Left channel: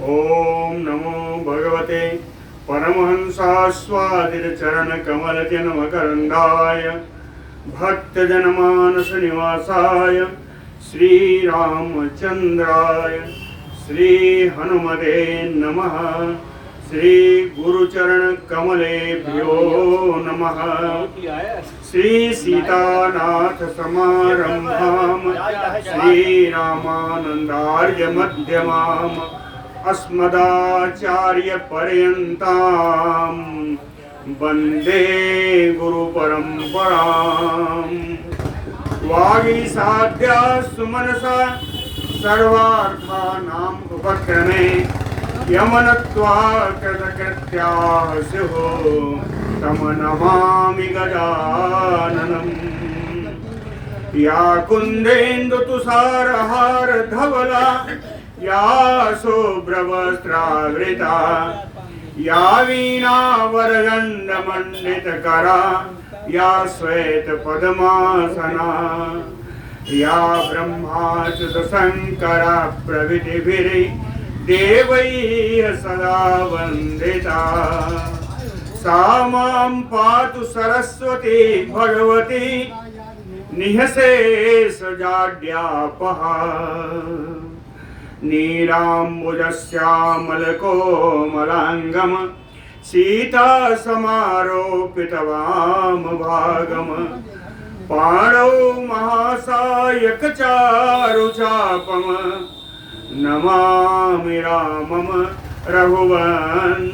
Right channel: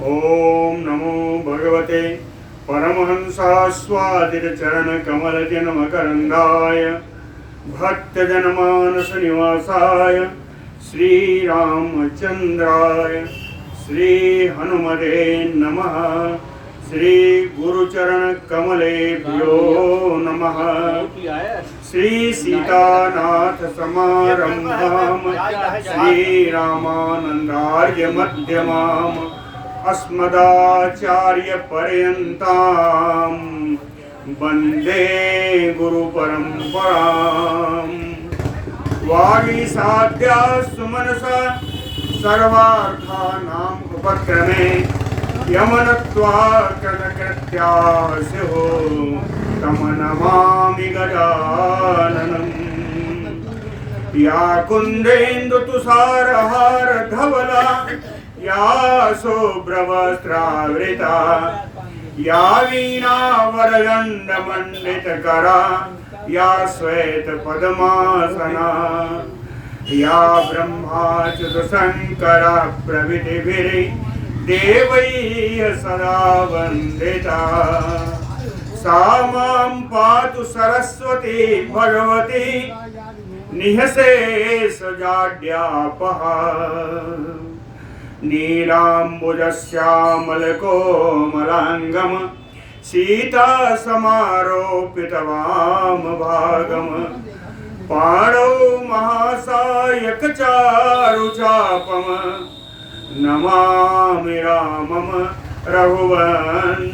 ओम नमो भगवते परमहंसास्वादितचरणकमलजन्मकरन्दाय भक्तजनमानसनिवासाय श्रीरामचन्द्राय श्रीहनुमते नमः। श्री गुरुचरणकमलेभ्यो नमः। श्री सीतानाथ समारंभाम श्रीरामानन्दार्य मध्यमाम अस्मदाचार्य पर्यन्तां वन्दे गुरुपरम्पराम्। वागीसाद्या सुमनसा सर्वार्थानाम् उपक्रमे यमनत्वा कृतकृत्याः स्युः तं नमामि गजाननम्। या कुन्देन्दुतुषारहार धवला या शुभ्रवस्त्रावृता या वीणावरदण्डमण्डितकरा या श्वेतपद्मासना या ब्रह्माच्युतशङ्करा प्रभृतिभिर्देवैः सदा वन्दिता। सा मां पातु सरस्वती भगवती निःशेषजाड्यापहा। नीलाम्बुजश्यामलकोमलाङ्गं सीतासमारोपितवामभागं पाणौ महासायकचारुचापं नमामि रामं रघुवंशनाथम्।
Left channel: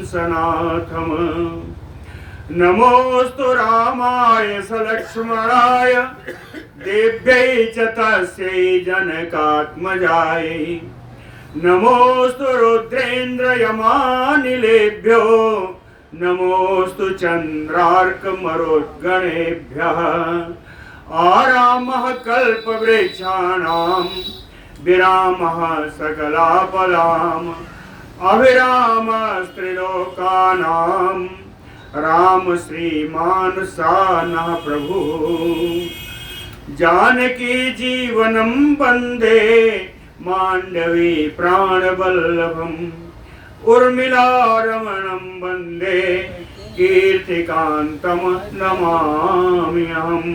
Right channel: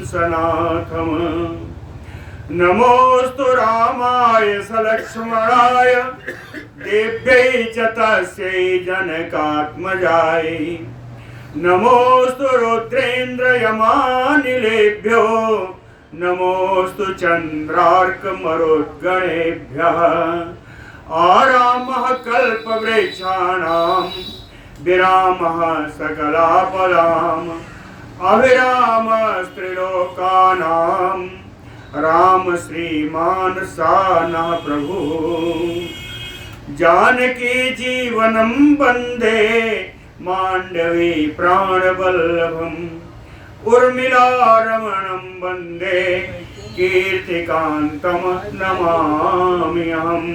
नमोऽस्तु रामाय सलक्ष्मणाय देव्यै च तस्यै जनकात्मजायै। नमोऽस्तु रुद्रेन्द्रयमानिलेभ्यो नमोऽस्तु चन्द्रार्कमरुद्गणेभ्यः। आरामः कल्पवृक्षाणां विरामः सकलापदाम् अभिरामस्त्रिलोकानां राम श्रीमान सानः प्रभु। जानकी जीवनं वन्दे मांडवी प्राणवल्लभम् उर्मिलारमणं वन्दे कीर्तिकान्तं नमाम्यहम्।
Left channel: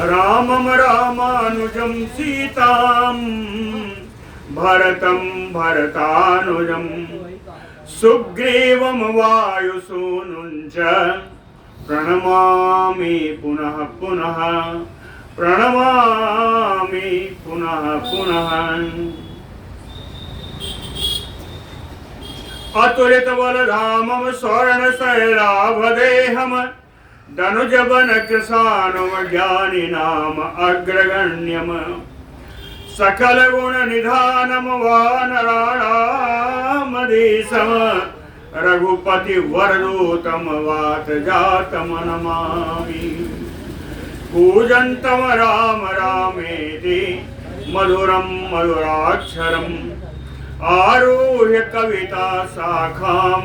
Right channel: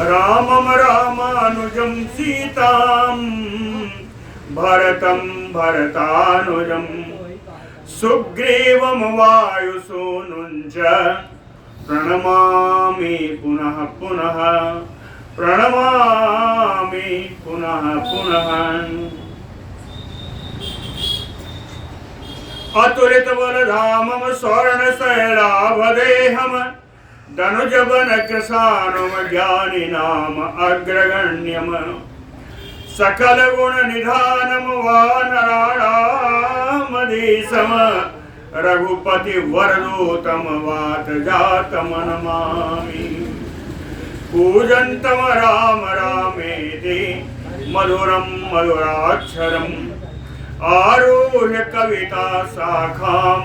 रामं रामानुजं सीतां भरतं भरतानुजं सुग्रीवं वायुसूनुं च प्रणमामि पुनः पुनः प्रणमामि पुनः पुनः। अतुलितबलधामं स्वर्णशैलाभदेहं दनुजवनकृशानुं ज्ञानिनाम अग्रगण्यं सकलगुणनिधानं वानराणामधीशं रघुपतिवरदूतं वातजातं नमामि। कूजन्तं राम रामेति मधुरं मधुराक्षरम् आरुह्य कविता शाखां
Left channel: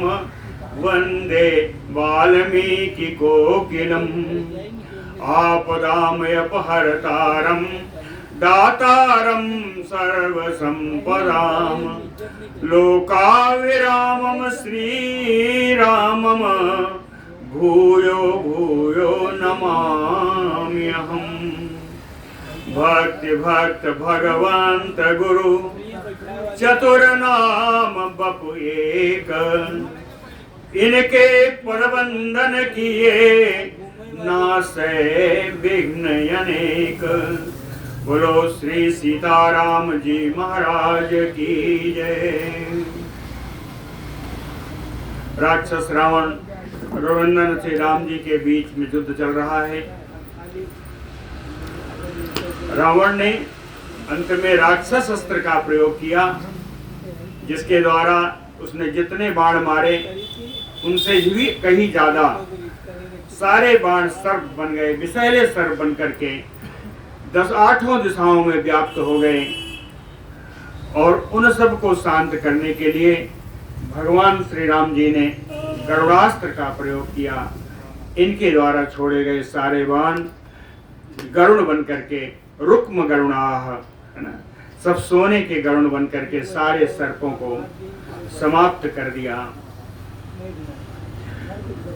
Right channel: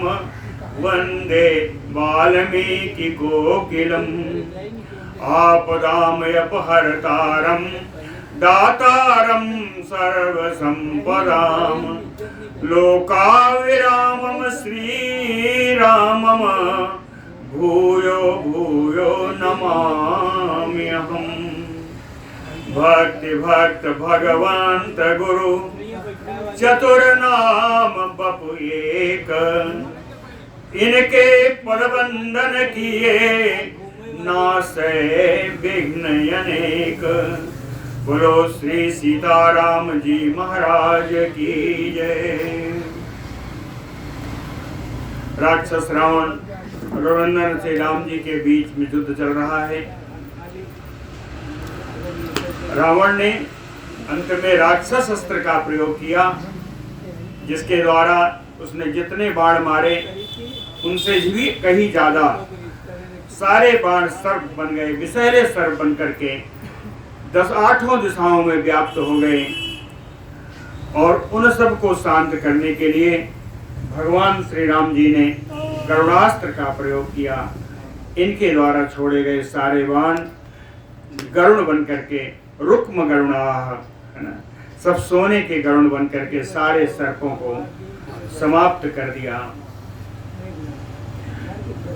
वन्दे वाल्मीकिकोकिलम्। आपदामयपहर्तारं दातारं सर्वसम्पदां लोकाविरामं श्रीरामं भूयो भूयो नमाम्यहम्। भक्ति भक्त भगवंत गुरु चतुर्नाम बपु एक। इनके पदवंदन किए नासै विघ्न अनेक। बोलो श्री सीताराम जी महाराज की जय। राक्षस रावण रघुनंदन से राम जी के बीच में युद्ध चल रहा है। रावण ने अंत में राक्षस अस्त्र का प्रयोग किया, जिसके द्वारा उसने जितने बाण मारे उनसे भी कहीं ज्यादा सारे बाण सर्प बन गए, विषैले सर्प बन करके 8 दिशाओं में व्याप्त हो गए। और उन सब को शांत करने के लिए भगवान श्री राम जी ने गरुड़ास्त्र का प्रयोग किया। इनके द्वारा छोड़े गए सारे बाण गरुड़ बन करके रुक्म गरुणाः, है ना, सब सोने के गरुड़ बन करके सारे सर्पों को समाप्त कर दिया।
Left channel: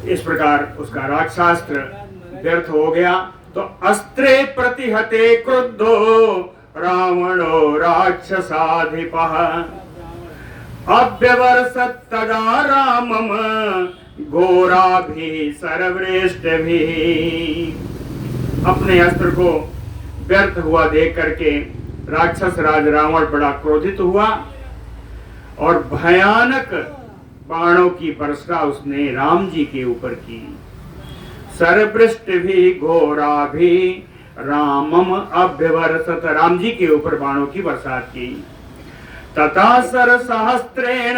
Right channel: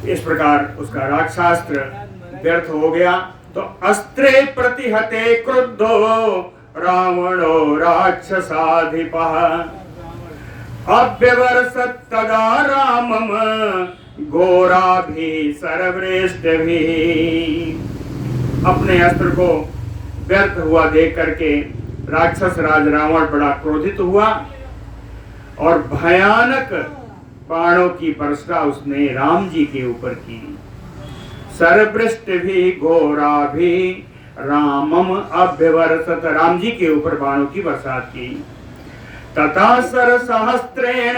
इस प्रकार उसका राक्षसास्त्र व्यर्थ हो गया। तो अस्त्रे प्रतिहते क्रुद्धो रावणो राक्षसाधिपः अव्यवर्षत् तदा रामम घोराभिः सर्वश्रेष्ठभिः। अपने अस्त्र को व्यर्थ हुआ देख करके राक्षस राज रावण बड़ा क्रोधित हुआ और भयानक बाणों की वर्षा उसने राम जी के ऊपर की। सर्वश्रेष्ठभिः घोराभिः रामम अभ्यवर्षत, राम जी के ऊपर बाणों की बरसात की। तथा सरसहस्रेण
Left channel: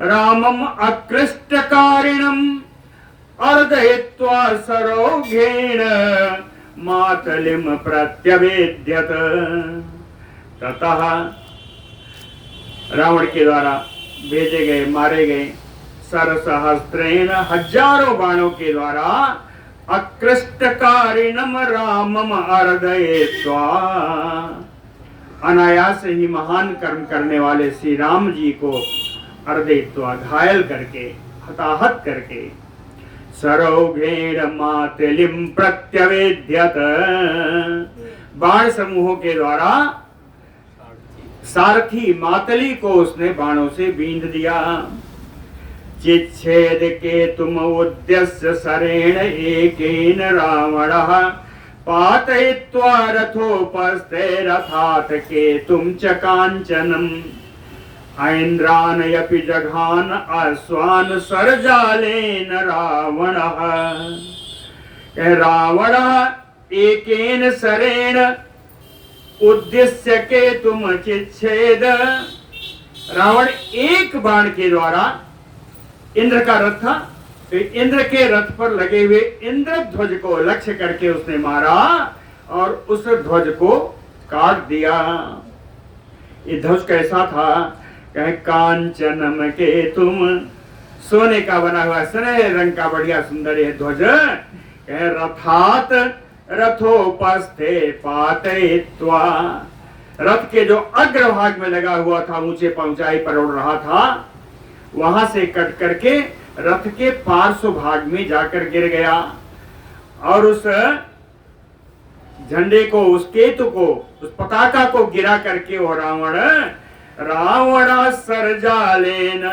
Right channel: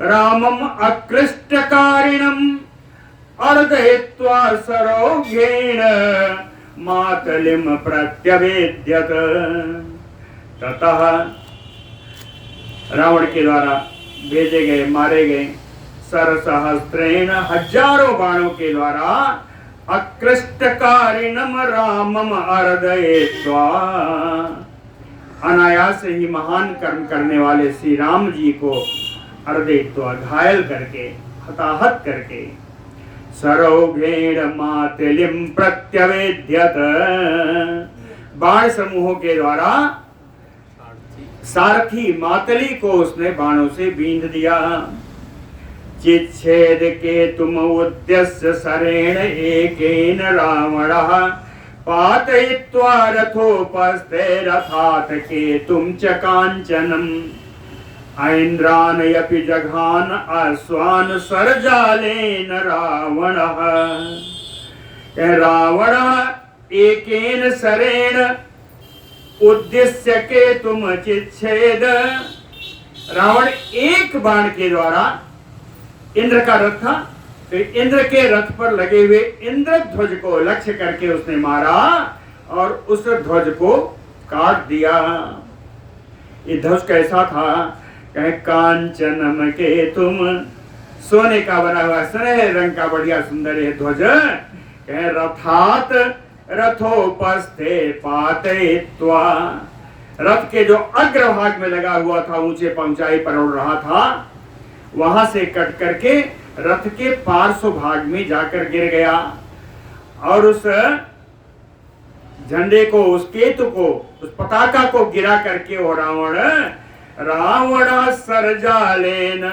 रामम अकृष्टकारिणम अर्दयित्वा सरोघेण मातलिम प्रत्यवेद्यत। ततः रावण के द्वारा भेजे गए, मारे गए सरसहस्रेण हजारों बाणों के द्वारा अकृष्टकारिणम रामम अर्दयित्वा, अनायास ही महान कर्म करने वाले श्री राम जी को अर्दयित्वा घायल करके, हताहत करके, सरोघेण मातलिम प्रत्यवेद्यत, बाण समूहों के द्वारा सारथी मातली को उसने बाणों से बींध दिया। चिच्छेद के तुम उद्देश्य सरेण एकेन रावणः पातयित्वा रथोपस्थे रथात् केतुं च काञ्चनम् ऐन्द्रानयपि जघान अश्वान् सरजालेन रावणः। रावणः एकेन सरेण उद्देश्य केतुम चिच्छेद, रावण एक बाण के द्वारा, इंद्र का रथ था तो इंद्र के रथ पर लगे हुए इंद्र ध्वज को लक्ष्य करके उसने मारा और उस ध्वज को काट दिया। ये ध्वज कैसा था? कहे कांचनम के तुम, सोने का बना हुआ सुनहरे रंग का बढ़िया सुंदर यह ध्वज। कहे रथात रथोपस्थे पातयित्वा, रथ के जो अग्रभाग में लगा हुआ था, ऊंचे ऊंचाई पर उड़ रहा था, वहां से कट करके रथ के पार्श्व भाग में जाकर गिर गया और उस झंडे को, उस केतु को, उस पताका को गिरा करके वो रावण सरजालेन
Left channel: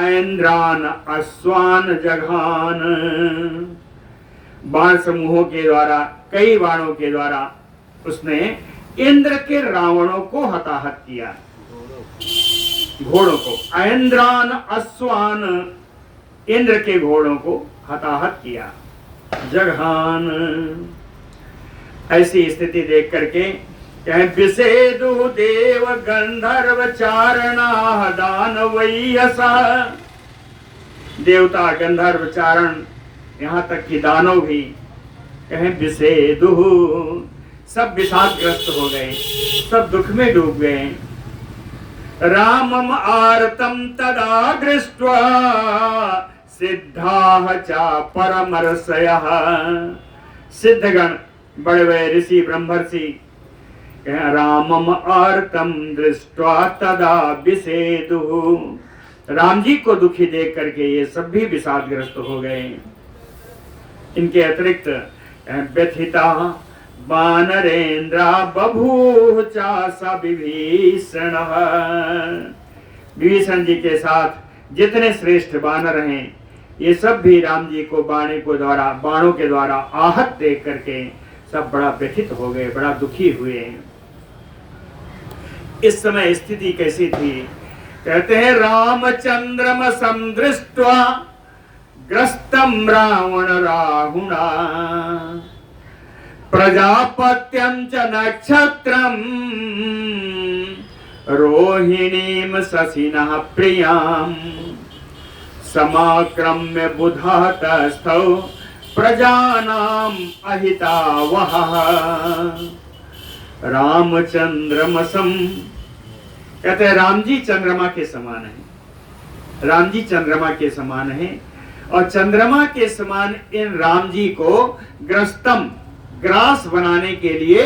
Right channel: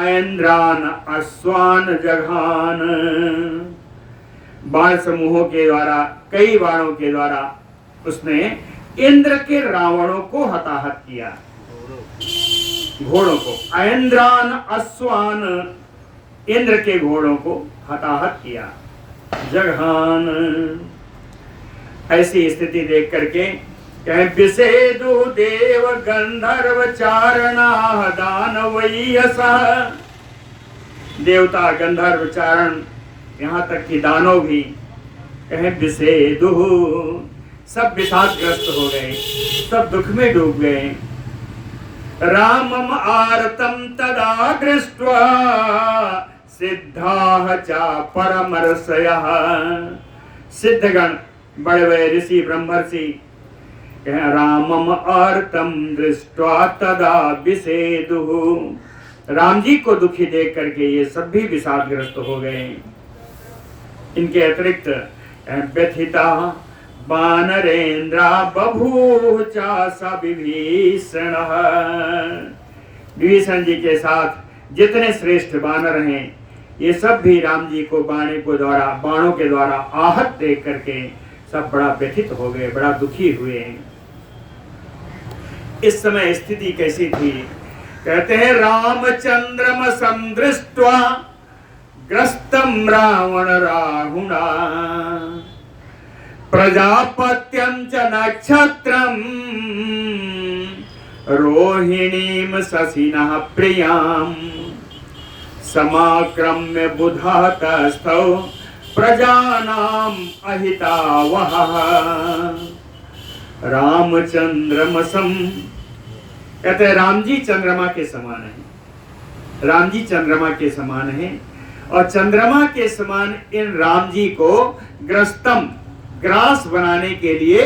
ऐन्द्रान अश्वान जघान, बाण समूहों के द्वारा, कई बाणों के द्वारा उसने इंद्र के रावणों को हताहत किया, घोड़ों को, ऐन्द्रान अश्वान, इंद्र के घोड़ों को हताहत किया, जघान। ऐसी स्थिति देख करके कहे विषेदु देव गंधर्व चारणा दानवयसा, देवता गंधर्व चारण यहाँ तक कि दानव भी कहे विषेदु, सब विषादग्रस्त हो गए, सब दुख में डूब गए। रामम आर्तम तदा दृष्ट्वा सिद्धाः च परमर्षयः, सिद्धगण, बड़े बड़े ऋषि ब्रह्मर्षि रामम आर्तम दृष्ट्वा तदा विषेदुः, राम जी को दुखी देख करके ये सब भी विषादग्रस्त हो गए। इनके अतिरिक्त व्यथिता वानरेन्द्रा बभूव चासा विभीषण, विभीषण जी के साथ जितने श्रेष्ठ वानर हैं ये सब भी राम जी को बाणों के द्वारा आहत देख करके सब बड़ा व्यथित हो गए, बड़ा दुखी हुए। इस समय स्थिति कैसी थी? कहते हैं रामचंद्रम संदृष्ट्वा ग्रस्तम रावण राहुणा प्रजापत्यं च नक्षत्रम रोहिणीम शशिनः प्रियाम समाक्रम्य बुधातस्थौ प्रजानाम अहितावह। रामचंद्रमसम, कहते हैं राम जी चंद्रमा के समान है, राम जी चंद्रमा के समान है और चंद्रमा के समान इन राम जी को ग्रस्तम, ग्रास बनाने के लिए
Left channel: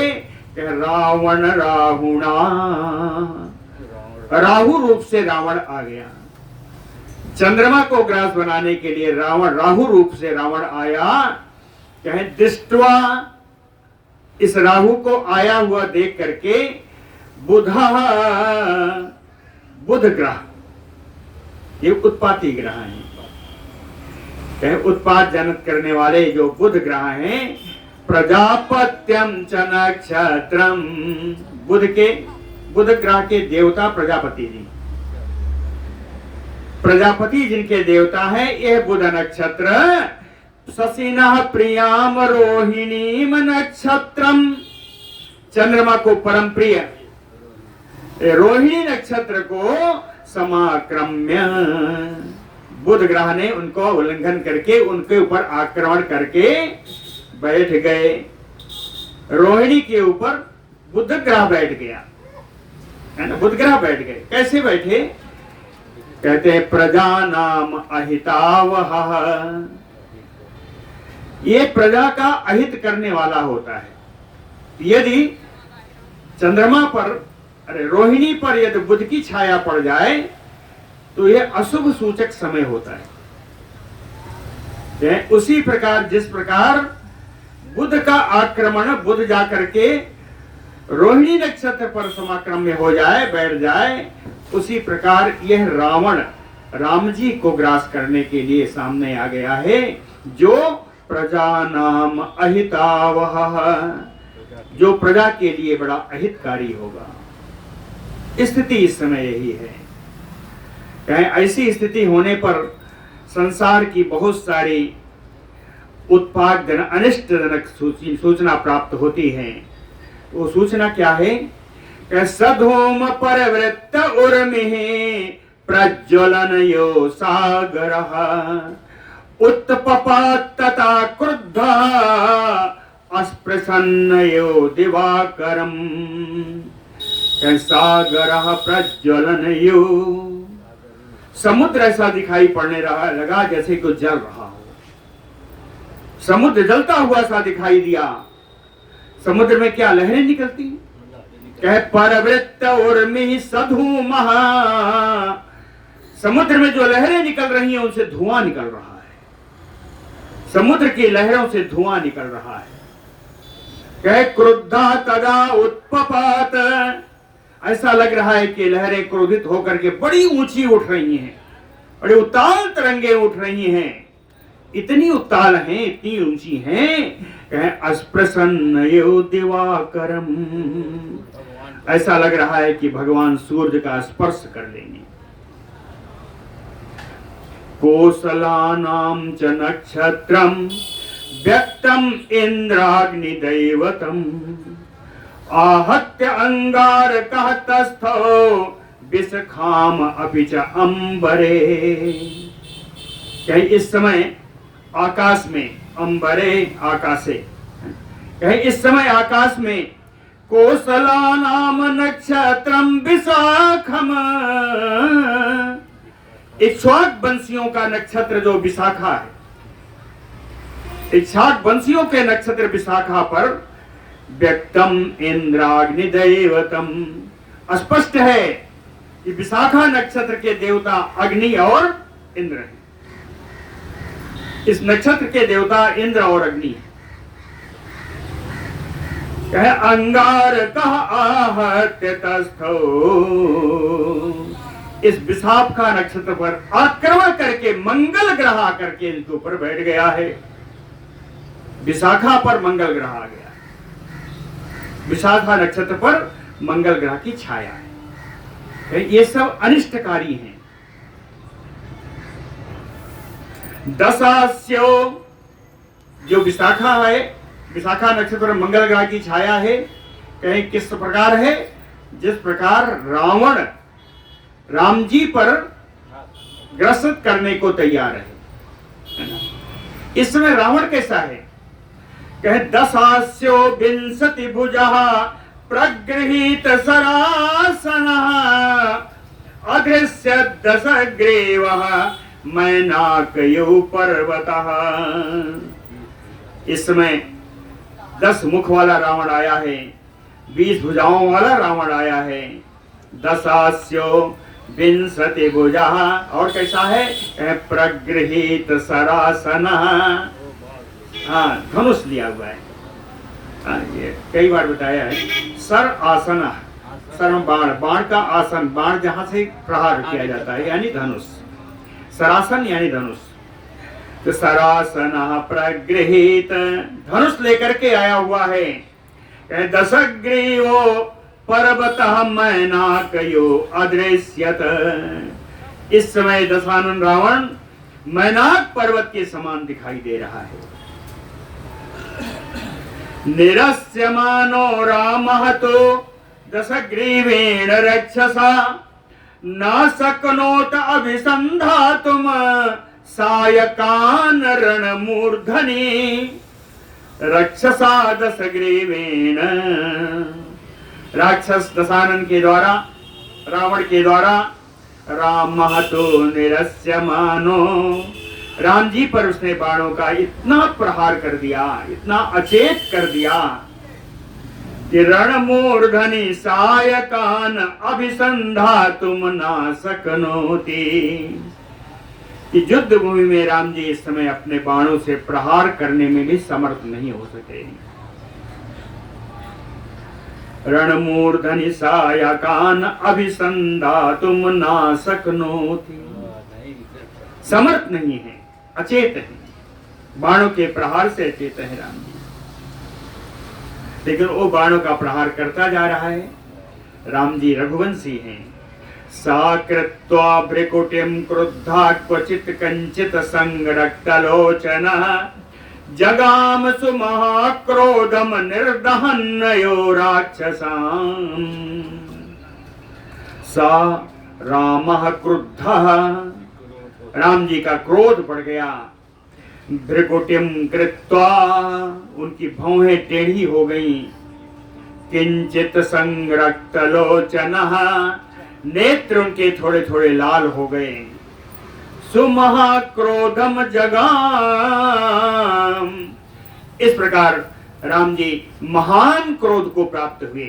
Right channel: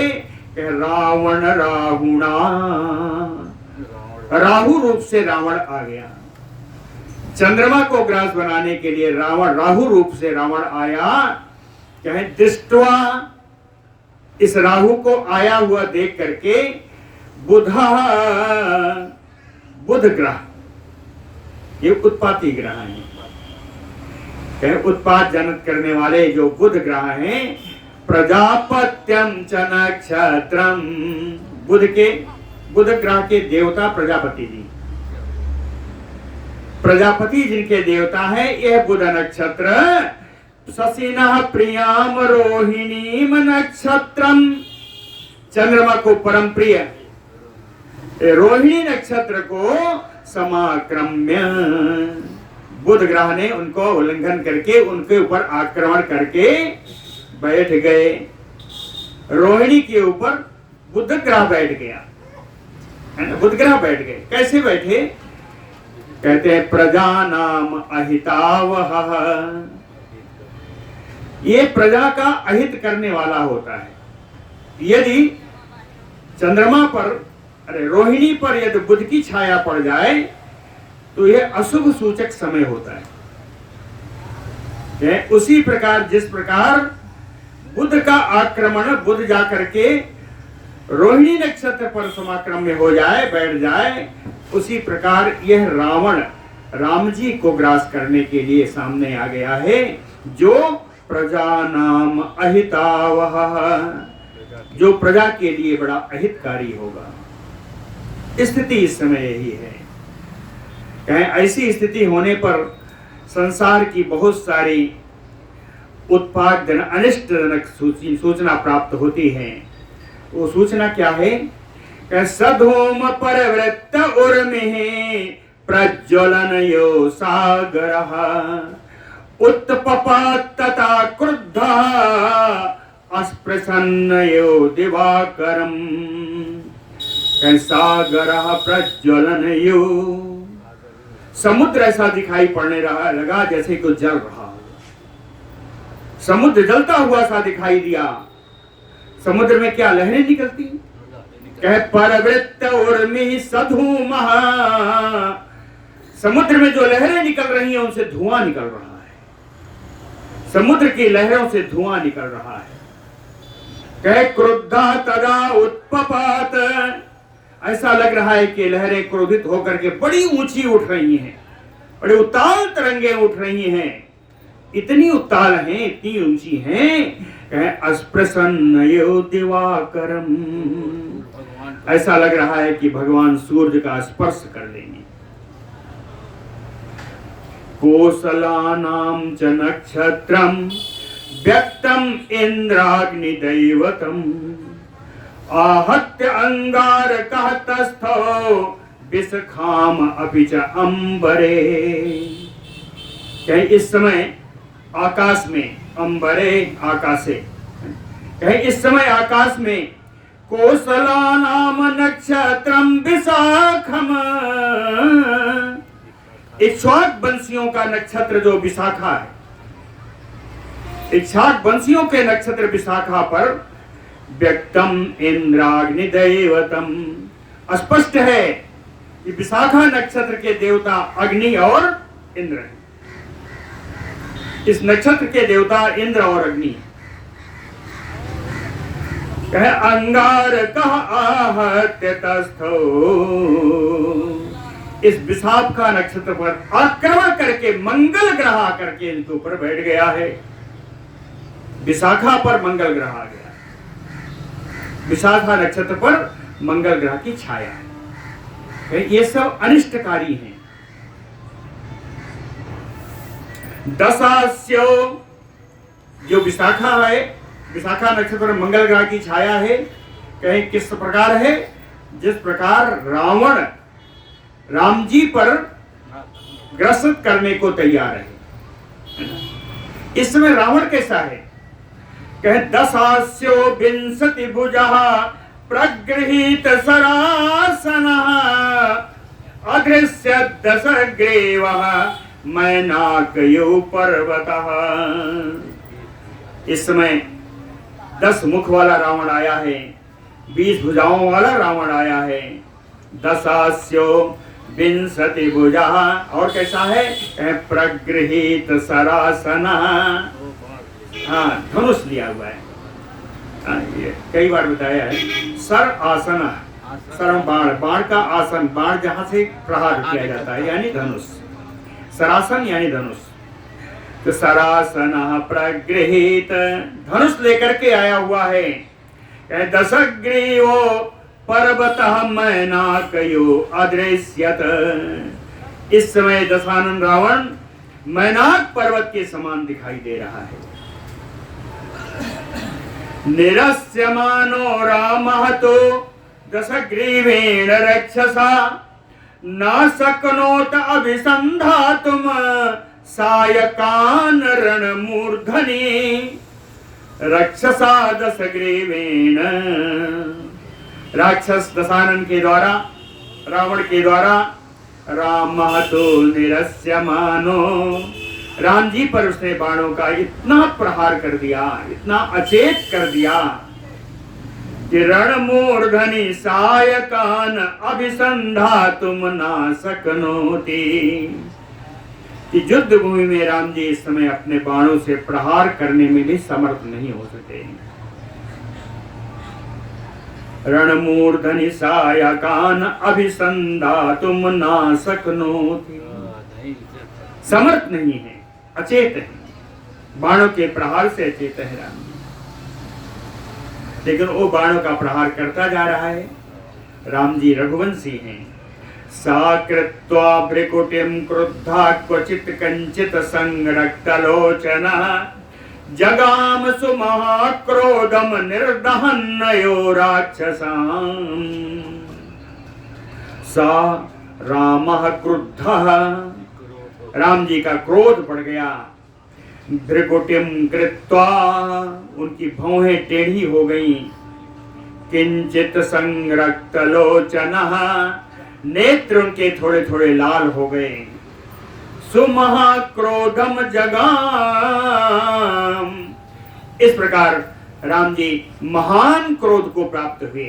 कि रावण राहुणा, राहु रूप से रावण आ गया। चंद्रमा को ग्रास बनाने के लिए रावण राहु रूप से रावण आया। कहे दृष्टवा, इस राहु को आया हुआ देख करके बुधा, बुध ग्रह, ये उत्पाती ग्रह हैं, कहे उत्पात जनक करने वाले जो बुध ग्रह हैं। प्रजापत्यम च नक्षत्रम, बुध ग्रह के देवता प्रजापति जी, प्रजापति जिनके देवता है, यह बुध नक्षत्र। शशिनः प्रियाम रोहिणीम नक्षत्रम, चंद्रमा को परम प्रिय रोहिणी नक्षत्र को समाक्रम्य, बुध ग्रह ने उनको उल्लंघन करके उनके ऊपर आक्रमण करके बैठ गए। रोहिणी के ऊपर बुध ग्रह बैठ गया, है ना, बुध ग्रह बैठ गए। कैसे बैठे? कहते हैं प्रजा नाम अहितावह, ये प्रजा का अहित करने वाला होता है। यदि चंद्रमा पर, अरे रोहिणी पर यदि बुध की छाया पड़ जाए तो यह अशुभ सूचक समय होता है। उसी प्रकार जिस प्रकार बुध का आक्रमण, बुध जाकर के रोहिणी नक्षत्र पर समाक्रम्य हो जाए, बैठ जाए, उसी प्रकार यह रावण राम जी को ग्रास करने के लिए सामने आ गया है, जो प्रजा नाम अहितावह, जो प्रजा के लिए बड़ा अहितकारी होगा। स्थिति इस समय यही है। कहें ऐसी स्थिति होने पर संसार की बहुत सारी उत्पादजनक अनिष्टजनक सूचना प्राप्त होती है। वो सूचना क्या है? सधूम परवृत्त उर्मिः प्रज्वलनयो सागरः उत्पपात तथा क्रुद्धः अस्पृशन्नयो दिवाकरम्। सागरः प्रज्वलनयो, समुद्र ऐसा दिखाई पड़ने लगा जैसे कुछ जल रहा हो। समुद्र जलता हुआ सा दिखाई दिया। समुद्र में क्या लहरें निकलती? कहे परवृत्त उर्मिः सधूमः, समुद्र में जो लहरें निकल रही हैं उनसे धुआं निकल रहा है। समुद्र की लहरों से धुआं निकल रहा है। कहे क्रुद्धा तदा उत्पपात, ऐसा लग रहा है कि लहरें क्रोधित होकर के बड़ी ऊंची उठ रही हैं, बड़ी उताल तरंगे उठ रही हैं। इतनी उताल हैं, इतनी ऊंची हैं। अस्प्रसन्नयो दिवाकरम, ऐसा लग रहा है कि भगवान सूर्य का स्पर्श कर लेंगे। कोसलानां च नक्षत्रम व्यक्तम इंद्राग्निदैवतम आहत्य अंगारकः तस्थो विसखाम अपि च अंबरे। इस समय आकाश में, अंबरे आकाशे, इस समय आकाश में कोसलानाम नक्षत्रम विशाखम, इक्ष्वाक वंशियों का नक्षत्र जो विशाखा है, इक्ष्वाक वंशियों के नक्षत्र विशाखा पर व्यक्तम इंद्राग्निदैवतम, स्पष्ट है कि विशाखा नक्षत्र के देवता अग्नि और इंद्र हैं। इस नक्षत्र के देवता इंद्र और अग्नि। कहे अंगारकः आहत्य तस्थो, इस विशाखा नक्षत्र पर आक्रमण करके मंगल ग्रह आकर के इनके ऊपर बैठ गया है। विशाखा पर मंगल ग्रह आ गया, विशाखा नक्षत्र पर मंगल ग्रह की छाया है। ये सब अनिष्टकारी हैं। दशास्यो, जो विशाखा है, विशाखा नक्षत्र मंगल ग्रह की छाया है। कहीं किस प्रकार है? जिस प्रकार रावण राम जी पर ग्रसित करने को तैयार है। इस समय रावण कैसा है? कहे दशास्यो विंशति भुजः प्रगृहीत सरासनः अदृश्य दशग्रीवः मैनाकयो पर्वतः। इस समय 10 मुख वाला रावण आया है। 20 भुजाओं वाला रावण आया है। दशास्यो विंशति भुजा, और कैसा है? प्रगृहीत सरासन, हाँ धनुष लिया हुआ है। ये कई बार बताया है। सर आसन, सरम बाण, बाण का आसन, बाण जहां से प्रहार किया जाता है यानी धनुष, सरासन यानी धनुष। तो सरासन प्रगृहीत, धनुष लेकर के आया हुआ है। दशग्रीवो पर्वतः मैनाकयो अदृश्यत, इस समय दशानन रावण मैनाक पर्वत के समान दिखाई दे रहा है। निरस्यमानो रामः तो दशग्रीवेण रक्षसा, न शक्नोत अभिसन्धातुम सायकान रणमूर्धनि। रक्षसा दशग्रीवेण, राक्षस दशानन के द्वारा, रावण के द्वारा, रामः तो निरस्यमानो, राम जी पर उसने बाणों का इतना प्रहार कर दिया, इतना अचेत कर दिया कि रणमूर्धनि सायकान अभिसंधातुम ना शक्नोति, कि युद्ध भूमि में राम जी इस समय अपने बाणों से प्रहार करने में भी समर्थ नहीं हो सके। रणमूर्धनि सायकान अभिसंधातुम ना शक्नोति, समर्थ नहीं है, अचेत है, बाणों के प्रहार से अचेत है राम जी। लेकिन वो बाणों का प्रहार करता जा रहा है। राम जी रघुवंशी हैं। सा कृत्वा भ्रिकुटिं क्रुद्धा क्वचित कंचित संरक्तलोचन, जगाम सुमहाक्रोधम निर्दहन्नयो राक्षसां। सा रामः क्रुद्धः, राम जी का क्रोध बढ़ गया। भ्रिकुटिम कृत्वा, उनकी भौहें टेढ़ी हो गई। किंचित संरक्तलोचनः, नेत्र उनके थोड़े थोड़े लाल हो गए। सुमहाक्रोधम जगाम, इस प्रकार राम जी महान क्रोध को प्राप्त हुए।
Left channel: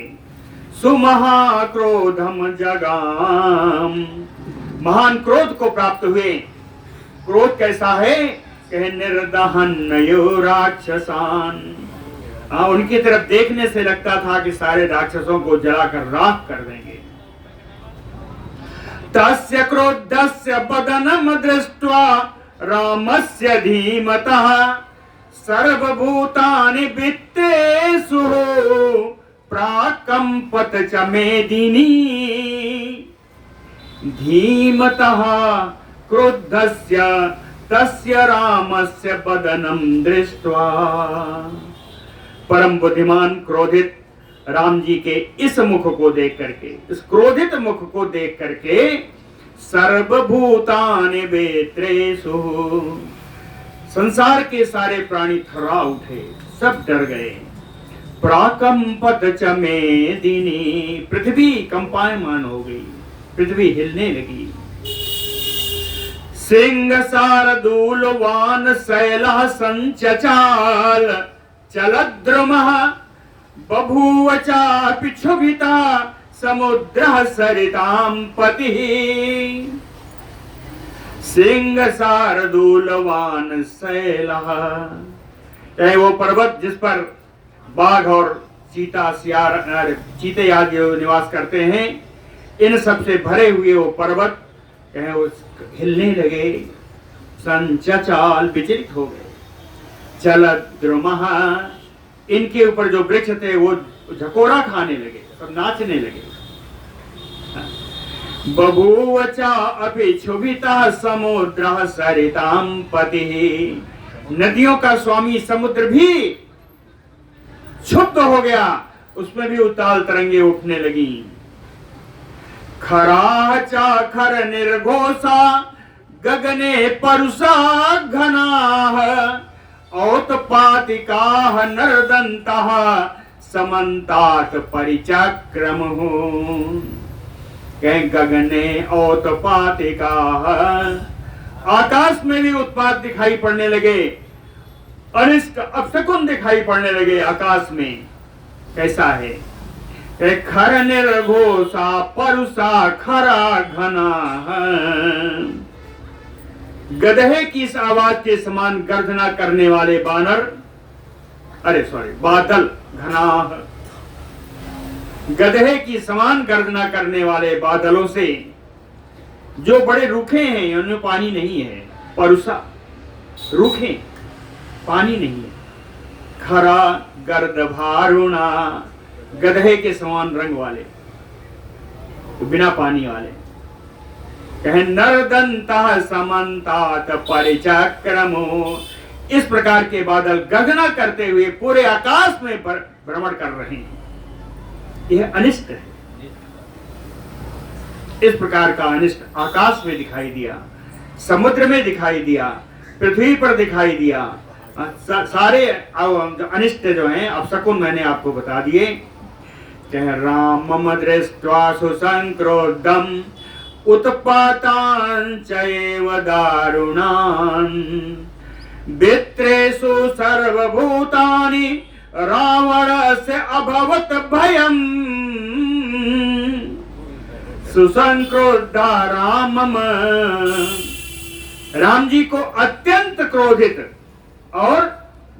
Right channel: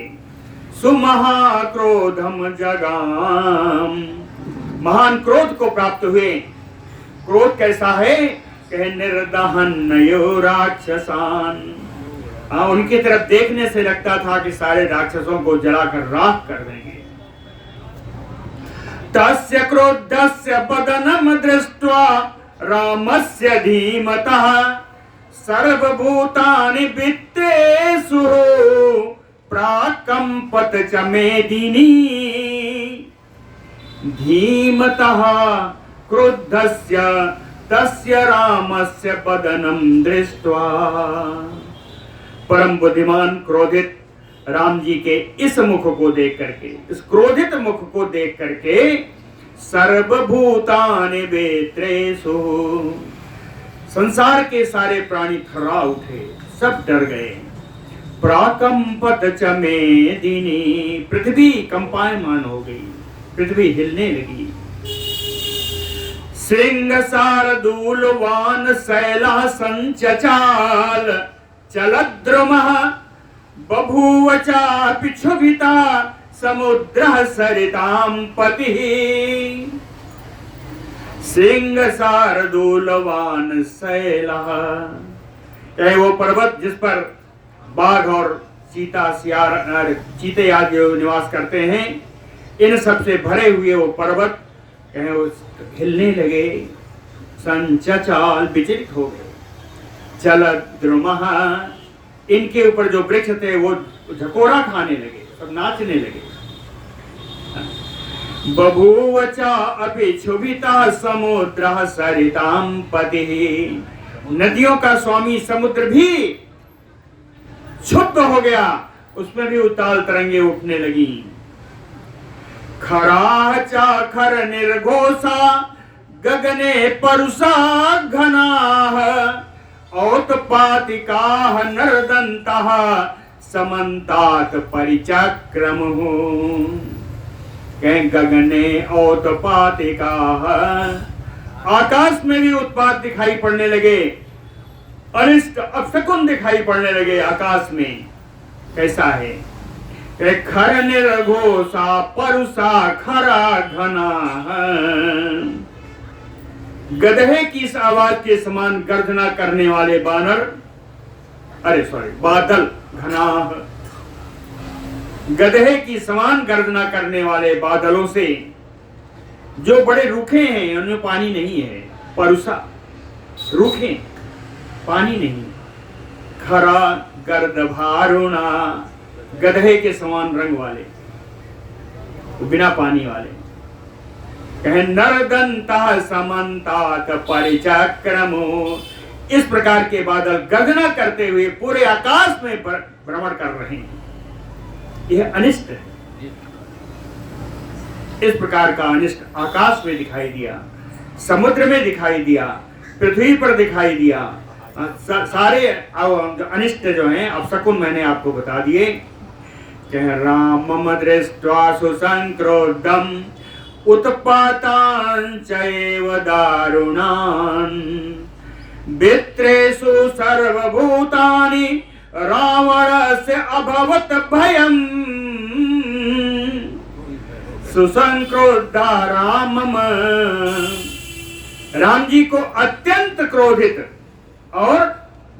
सुमहाक्रोधम जगाम, महान क्रोध को प्राप्त हुए। क्रोध कैसा है? कहे निर्दहन्नयो राक्षसान, उनकी तरफ देखने से लगता था कि सारे राक्षसों को जलाकर राख कर देंगे। तस्य क्रोधस्य बदनम दृष्ट्वा रामस्य धीमतः, सर्वभूतानि वित्तेषु प्राकंपत च मेदिनी। धीमतः क्रुद्धस्य तस्य रामस्य बदनम दृष्ट्वा, परम बुद्धिमान क्रोधित राम जी के इस मुख को देख करके, इस क्रोधित मुख को देख करके, सर्वभूतानि वेत्रेषु, संसार के सारे प्राणी थर्रा उठे, सब डर गए। प्राकंपत च मेदिनी, पृथ्वी कंपायमान हो गई, पृथ्वी हिलने लगी। सिंह शार्दूलवान शैलः संचचाल, चलद्रुमः बभूव चापि क्षुभिता समुद्रः सरितां पतिः। सिंह शार्दूलवान शैलः, चाहे वो पर्वत जिस पर बाघ और चीता सियार चीते आदि निवास करते हैं, इन सबसे भरे हुए वो पर्वत कहे वो हिलने लगे। संचचाल, विचलित हो गए। चलद्रुमः, इनके ऊपर जो वृक्ष थे वो झकोरा खाने लगे, सब नाचने लगे। बभूव च अपि क्षुभितः समुद्रः सरितां पतिः, नदियों का स्वामी समुद्र भी क्षुब्ध हो गया, उसमें भी उताल तरंगे उठने लगी। खराः चाखर निर्घोषा गगने परुषा घनाः, औत्पातिकाः नरदन्तः समन्तात् परिचक्रमुः। कहीं गगने औत्पातिकाः, आकाश में भी उत्पात दिखाई पड़ने लगे, अनिष्ट अपशकुन दिखाई पड़ने लगे आकाश में। कैसा है? खर निर्घोषा परुषा खरा घना। गधे की इस आवाज के समान गर्जना करने वाले बादल घना। गधे की समान गर्जना करने वाले बादलों से जो बड़े रूखे हैं, उनमें पानी नहीं है। परुषा रूखे, पानी नहीं। खरा गर्द भारुणा, गधे के समान रंग वाले, बिना पानी वाले। कहे नरदंता समन्तात परिचक्रमो। इस प्रकार के बादल गर्जना करते हुए पूरे आकाश में भ्रमण कर रहे हैं। यह अनिष्ट है। इस प्रकार का अनिष्ट आकाश में दिखाई दिया, समुद्र में दिखाई दिया, पृथ्वी पर दिखाई दिया। सारे अनिष्ट जो हैं अपशकुन मैंने आपको बता दिए। रामम दृष्ट्वा सुसंक्रोधम उत्पातांचैव दारुणान् वित्रेषु सर्वभूतानि रावणस्य अभवत् भयम्। सुसंक्रोधा रामम, राम जी को अत्यंत क्रोधित और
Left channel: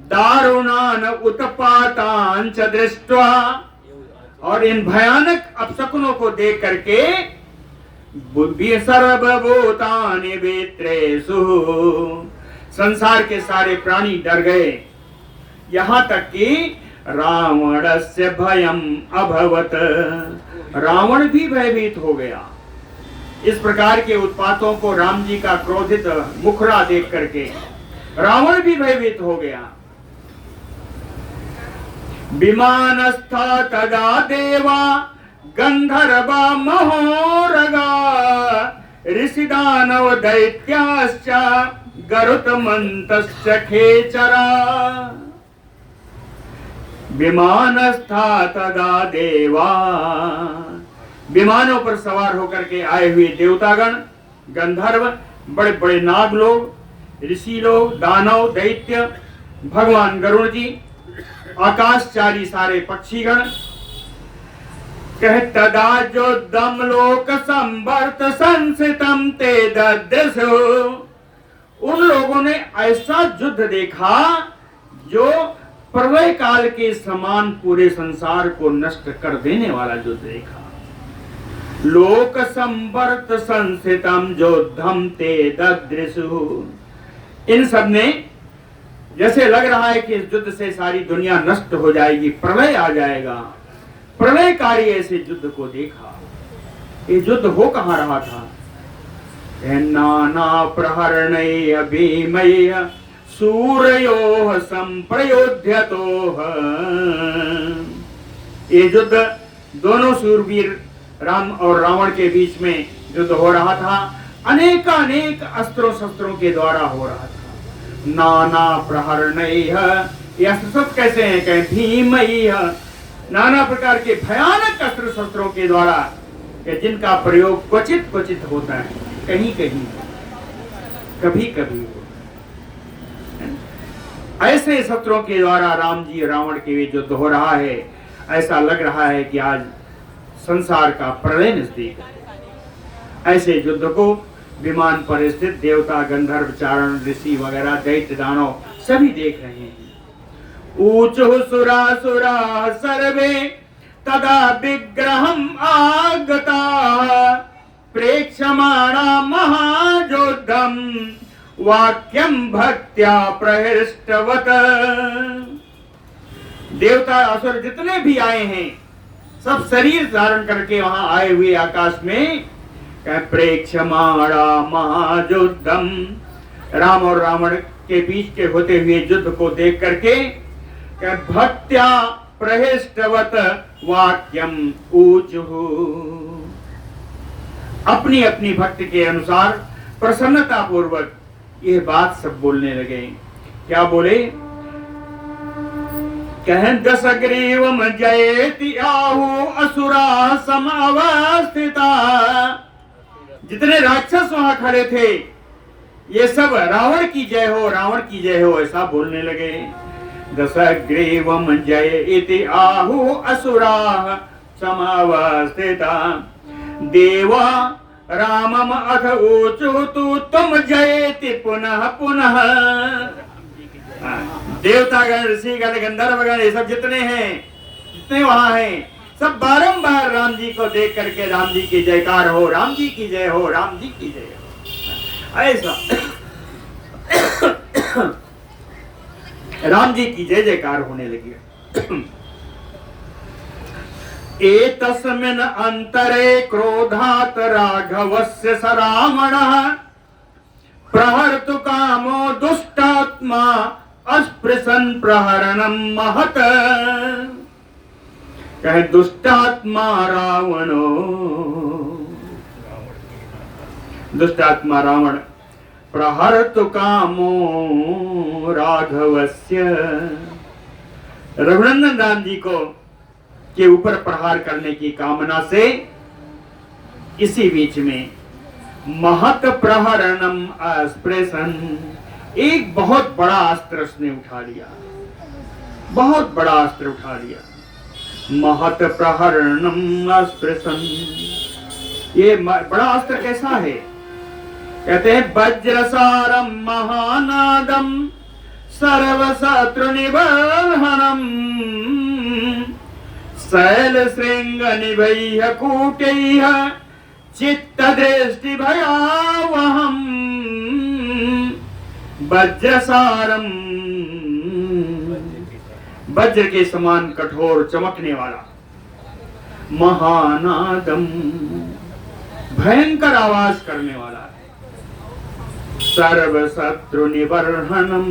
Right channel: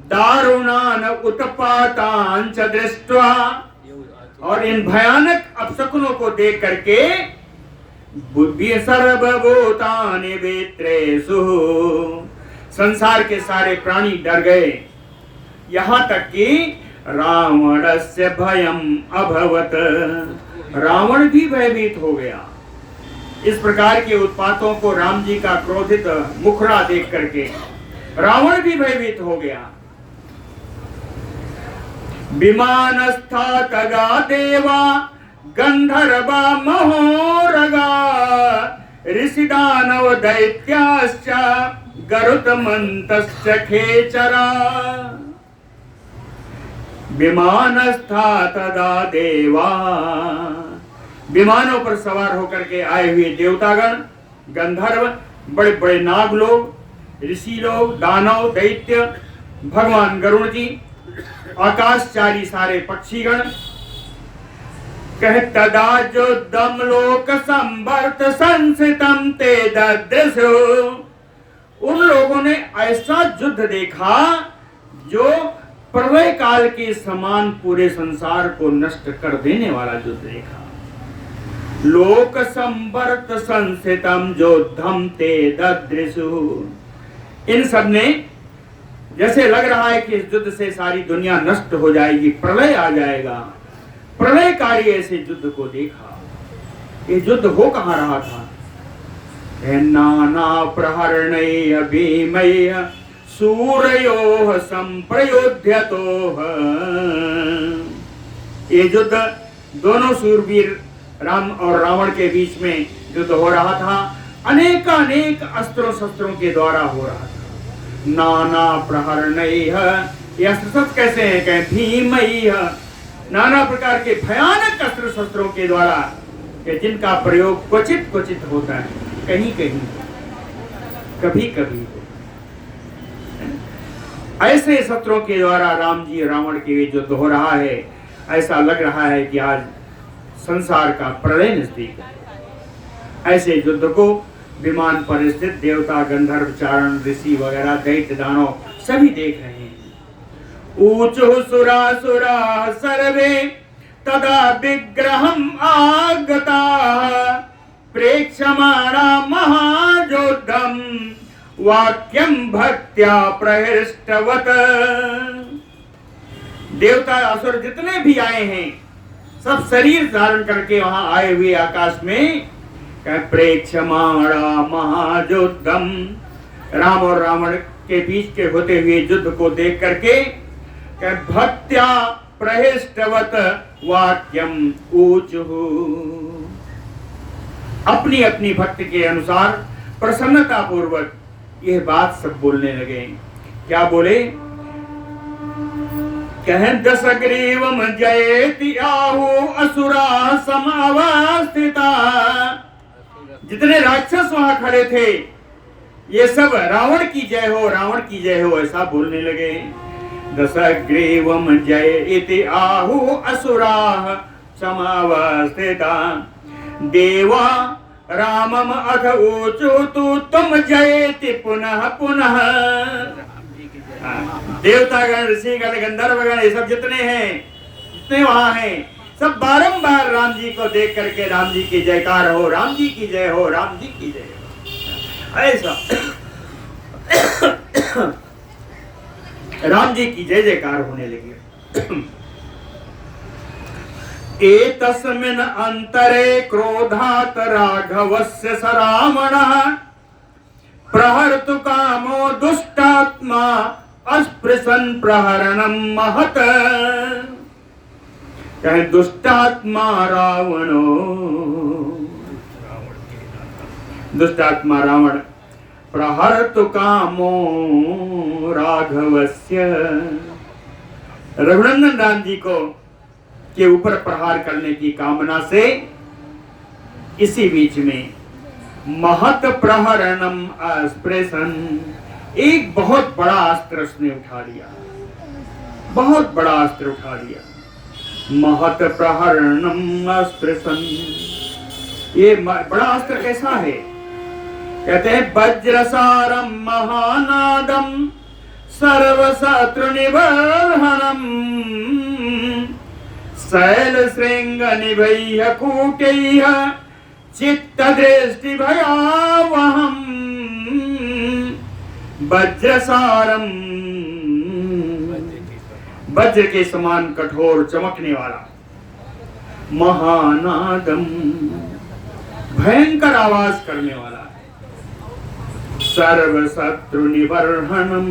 दारुणान उत्पातान च दृष्ट्वा, और इन भयानक अपशकुनों को देख करके सर्वभूतानि वित्रेषु, संसार के सारे प्राणी डर गए। यहां तक कि रावणस्य भयम अभवत, रावण भी भयभीत हो गया। इस प्रकार के उत्पातों को, राम जी का क्रोधित मुखड़ा देख करके रावण भी भयभीत हो गया। विमानस्था तदा देवा गंधर्वा महोरगा ऋषिदानव दैत्याश्च गरुत्मन्तश्च खेचरा। विमानस्था तदा देवा, विमानों पर सवार होकर के आए हुए देवतागण, गंधर्व, बड़े बड़े नाग लोग, ऋषि लोग, दानव, दैत्य, भगवान गरुड़ जी, आकाशचारी सारे पक्षीगण। कह तदा जो दम लोक संवर्त संसितम ते ददृशु, उन लोगों ने ऐसा युद्ध देखा जो प्रलय काल के समान पूरे संसार को नष्ट कर देने वाला युद्ध देखा। लोक संवर्त संसितम योद्धम ते ददृशु, इन सब ने जैसे लग रहा है कि इस युद्ध से सारी दुनिया नष्ट हो जाएगी, प्रलय आ जाएगा, प्रलयकारी ऐसे युद्ध को देखा। ये युद्ध हो कहां रहा था? नाना प्रहरणैः भीमैः सूरयोः संप्रयोध्यतोः। ये युद्ध दोनों सूरवीर राम और रावण के बीच में युद्ध हो रहा था। अनेकानेक अस्त्रों शस्त्रों के द्वारा हो रहा था। नाना प्रहरणैः, ये अस्त्र शस्त्र कैसे हैं? कहें भीमैः, नाना प्रकार के भयानक अस्त्र शस्त्रों के द्वारा, जिनका प्रयोग क्वचित क्वचित होता है, कहीं कहीं, कभी कभी। ऐसे शस्त्रों के द्वारा राम जी रावण के बीच युद्ध हो रहा है। ऐसा लग रहा है कि आज संसार का प्रलय नजदीक है। ऐसे युद्ध को विमान पर स्थित देवता, गंधर्व, चारण, ऋषि वगैरह, दैत्य, दानव सभी देख रहे हैं। ऊचुः सुरासुराः सर्वे तदा विग्रहम् आगताः प्रेक्षमाणा महायोद्धं वाक्यं भक्त्या प्रहृष्टवत्। देवता असुर जितने भी आए हैं, सब शरीर धारण करके वहां आए हुए आकाश में प्रेक्षमाणा महायोद्धम, राम और रावण के बीच के होते हुए युद्ध को देख करके भक्त्या प्रहृष्टवत् वाक्यम ऊचुः, अपनी अपनी भक्ति के अनुसार प्रसन्नता पूर्वक यह बात सब बोलने लगे। क्या बोले? कहं दशग्रीवम जयेति आहु असुरा समावस्थिता। जितने राक्षस वहां खड़े थे, ये सब रावण की जय हो, रावण की जय हो, ऐसा बोलने लगे। दशग्रीवम जयेति आहु असुरा समावस्थिता देवा रामम अथ ऊचुतु तुम जयति पुनः पुनः। देवतागण, ऋषिगण, गंधर्वगण, ये सब जितने हैं, जितने वहां हैं, सब बारंबार राम जी को देख करके राम जी की जयकार हो, राम जी की जय हो, राम जी की जय हो, ऐसा राम जी की जय जयकार होने लगी। एतस्मिन् अंतरे क्रोधात् राघवस्य स रावणः प्रहर्तु कामो दुष्टात्मा अस्पृशन् प्रहरणं महत्। कहे दुष्टात्मा रावणो, दुष्टात्मा रावण प्रहर्तु कामो राघवस्य, रघुनंदन राम जी को के ऊपर प्रहार करने की कामना से इसी बीच में महत प्रहरणम अस्पृशन, एक बहुत बड़ा अस्त्र उसने उठा लिया, बहुत बड़ा अस्त्र उठा लिया। महत प्रहरणम अस्पृशन, ये बड़ा अस्त्र कैसा है? कहते हैं वज्रसारम महानादम सर्वशत्रु निबर्हणम शैल श्रृंग निभैः कूटैः चित्त दृष्टि भयावहम। वज्रसारम, वज्र के समान कठोर चमकने वाला, महानादम, भयंकर आवाज करने वाला है, सर्व शत्रु निबर्हणम,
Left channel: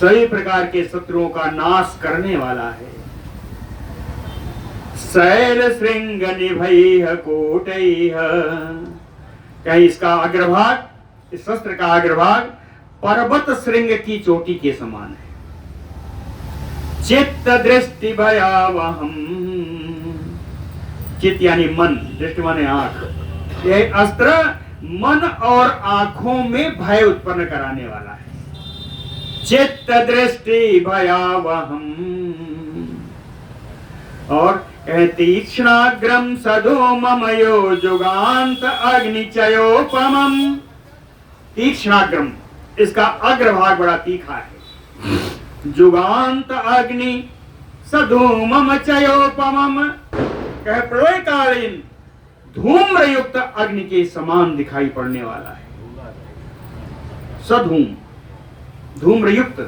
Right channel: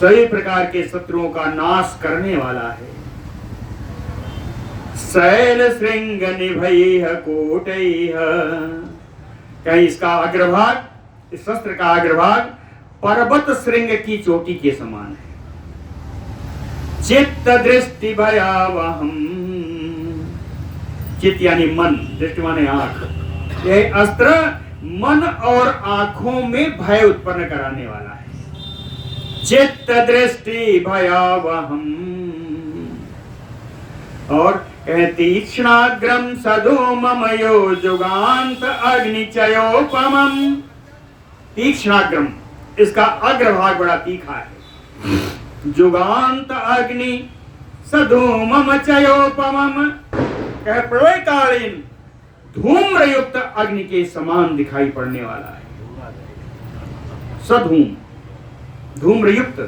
सभी प्रकार के शत्रुओं का नाश करने वाला है। शैल श्रृंग निभैः कूटैः, कहीं इसका अग्रभाग, इस शस्त्र का अग्रभाग पर्वत श्रृंग की चोटी के समान है। चित्त दृष्टि भयावहम, चित्त यानी मन, दृष्टि माने आंख, यह अस्त्र मन और आंखों में भय उत्पन्न कराने वाला है। चित्त दृष्टि भयावहम, और तीक्ष्णाग्रम सधूममयो जुगान्त अग्निचयोपमम्। तीक्ष्णाग्रम, इसका अग्रभाग बड़ा तीखा है। जुगान्त अग्नि सधूमम चयोपमम्, कह प्रलयकालीन धूम्रयुक्त अग्नि के समान दिखाई पड़ने वाला है। सधूम, धूम्रयुक्त,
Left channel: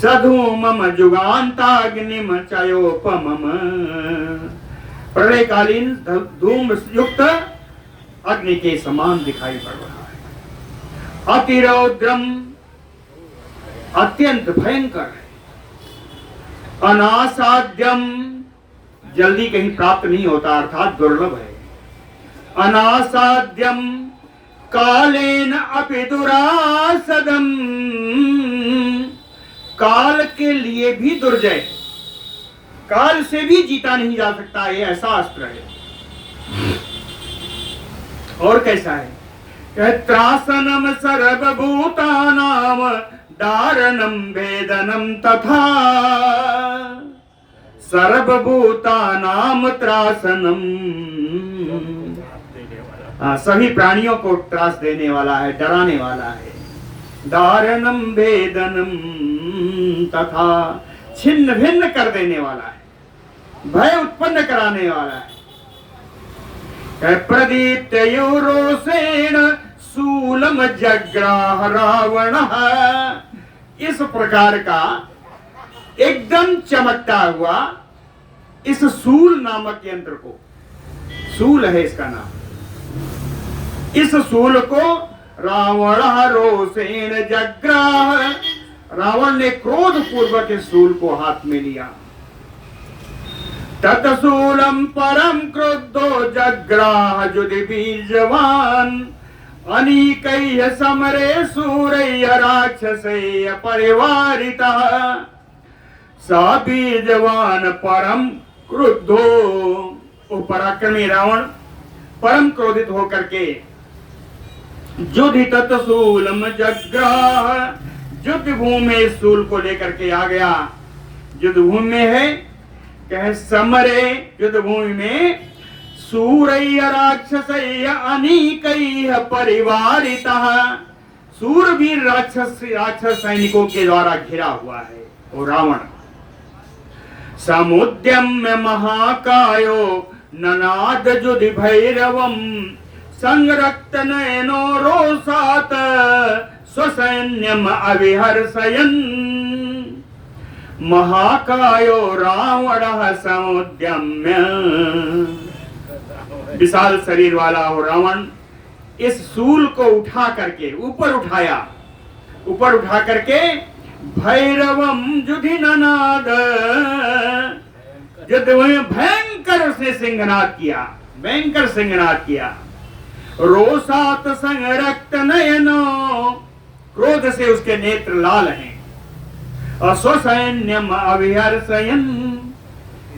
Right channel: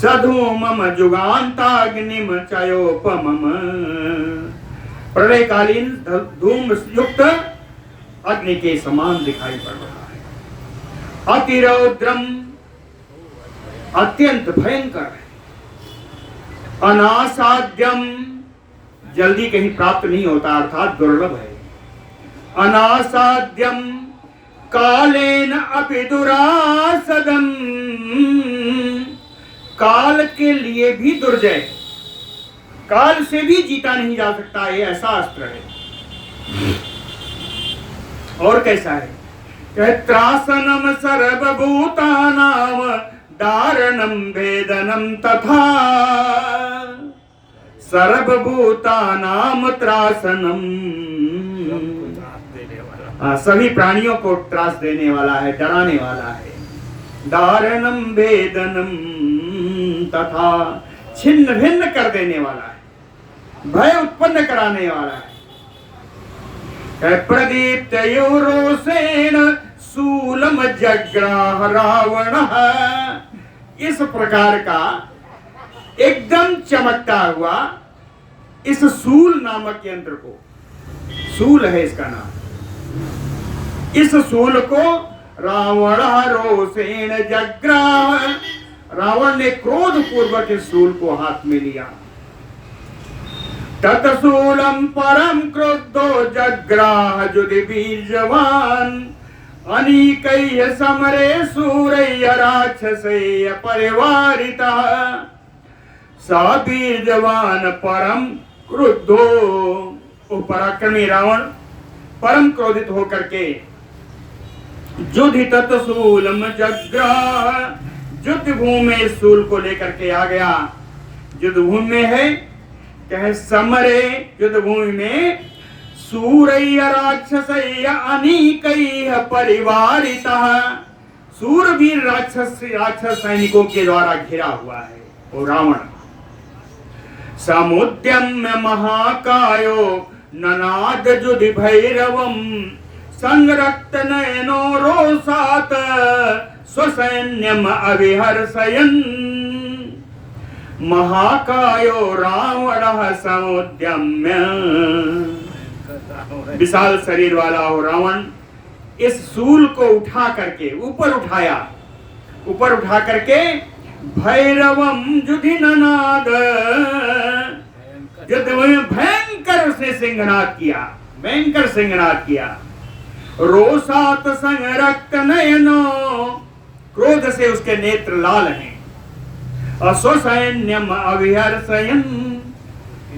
सधूमम जुगान्ताग्निम चयोपमम, प्रलयकालीन धूम युक्त अग्नि के समान दिखाई पड़ रहा है। अतिरौद्रम, अत्यंत भयंकर है। अनासाद्यम, जल्दी कहीं प्राप्त नहीं होता, अर्थात दुर्लभ है। अनासाद्यम कालेन अपि दुरासदम, काल के लिए भी दुर्जय, काल से भी जीता नहीं जा सकता, ये ऐसा अस्त्र है। और कैसा है? कहे त्रासनम सर्वभूतानाम दारणम वेदनम तथा, सर्वभूतानाम त्रासनम, सभी प्राणियों को त्रास देने वाला है, डराने वाला है। दारणम वेदनम तथा, छिन्न भिन्न कर देने वाला है, भय उत्पन्न कराने वाला है। प्रदीप्त यूरोसेन शूलम जग्राह रावण, इस प्रकार का एकदम चमकता हुआ इस शूल नामक यंत्र को, शूल है इसका नाम, इस शूल को रावण रोसेन जग्राह, रावण ने क्रोध पूर्वक इस शूल को हाथ में लिया। तत्शूलम परम क्रोधो जग्राह जुधि बीजवान, अनीकैः समरे सूरैः राक्षसैः परिवारितः, सा बीजवान परम क्रुद्धो, वो पराक्रमी रावण परम क्रोधित होकर के जुधि तत्शूलम जग्राह, युद्ध भूमि में इस शूल को लेकर के आ गया। युद्ध भूमि में है कहे समरे युद्ध भूमि में सूरय्य राक्षसय्य अनीकैः परिवारितः, सूरवीर राक्षस सैनिकों के द्वारा घिरा हुआ है वो रावण। समुद्यम्य महाकायो ननाद जुधि भैरवम संरक्त नयनो रोषात स्वसैन्यम अविहर्षयन्, महाकायो रावणः समुद्यम्य, विशाल शरीर वाला हो रावण इस शूल को उठा करके ऊपर उठा करके भैरवम जुधि ननाद, युद्ध में भयंकर उसने सिंहनाद किया, रोषात संरक्त नयनो, क्रोध से उसके नेत्र लाल हैं, और स्वसैन्यम अविहर्षयन्,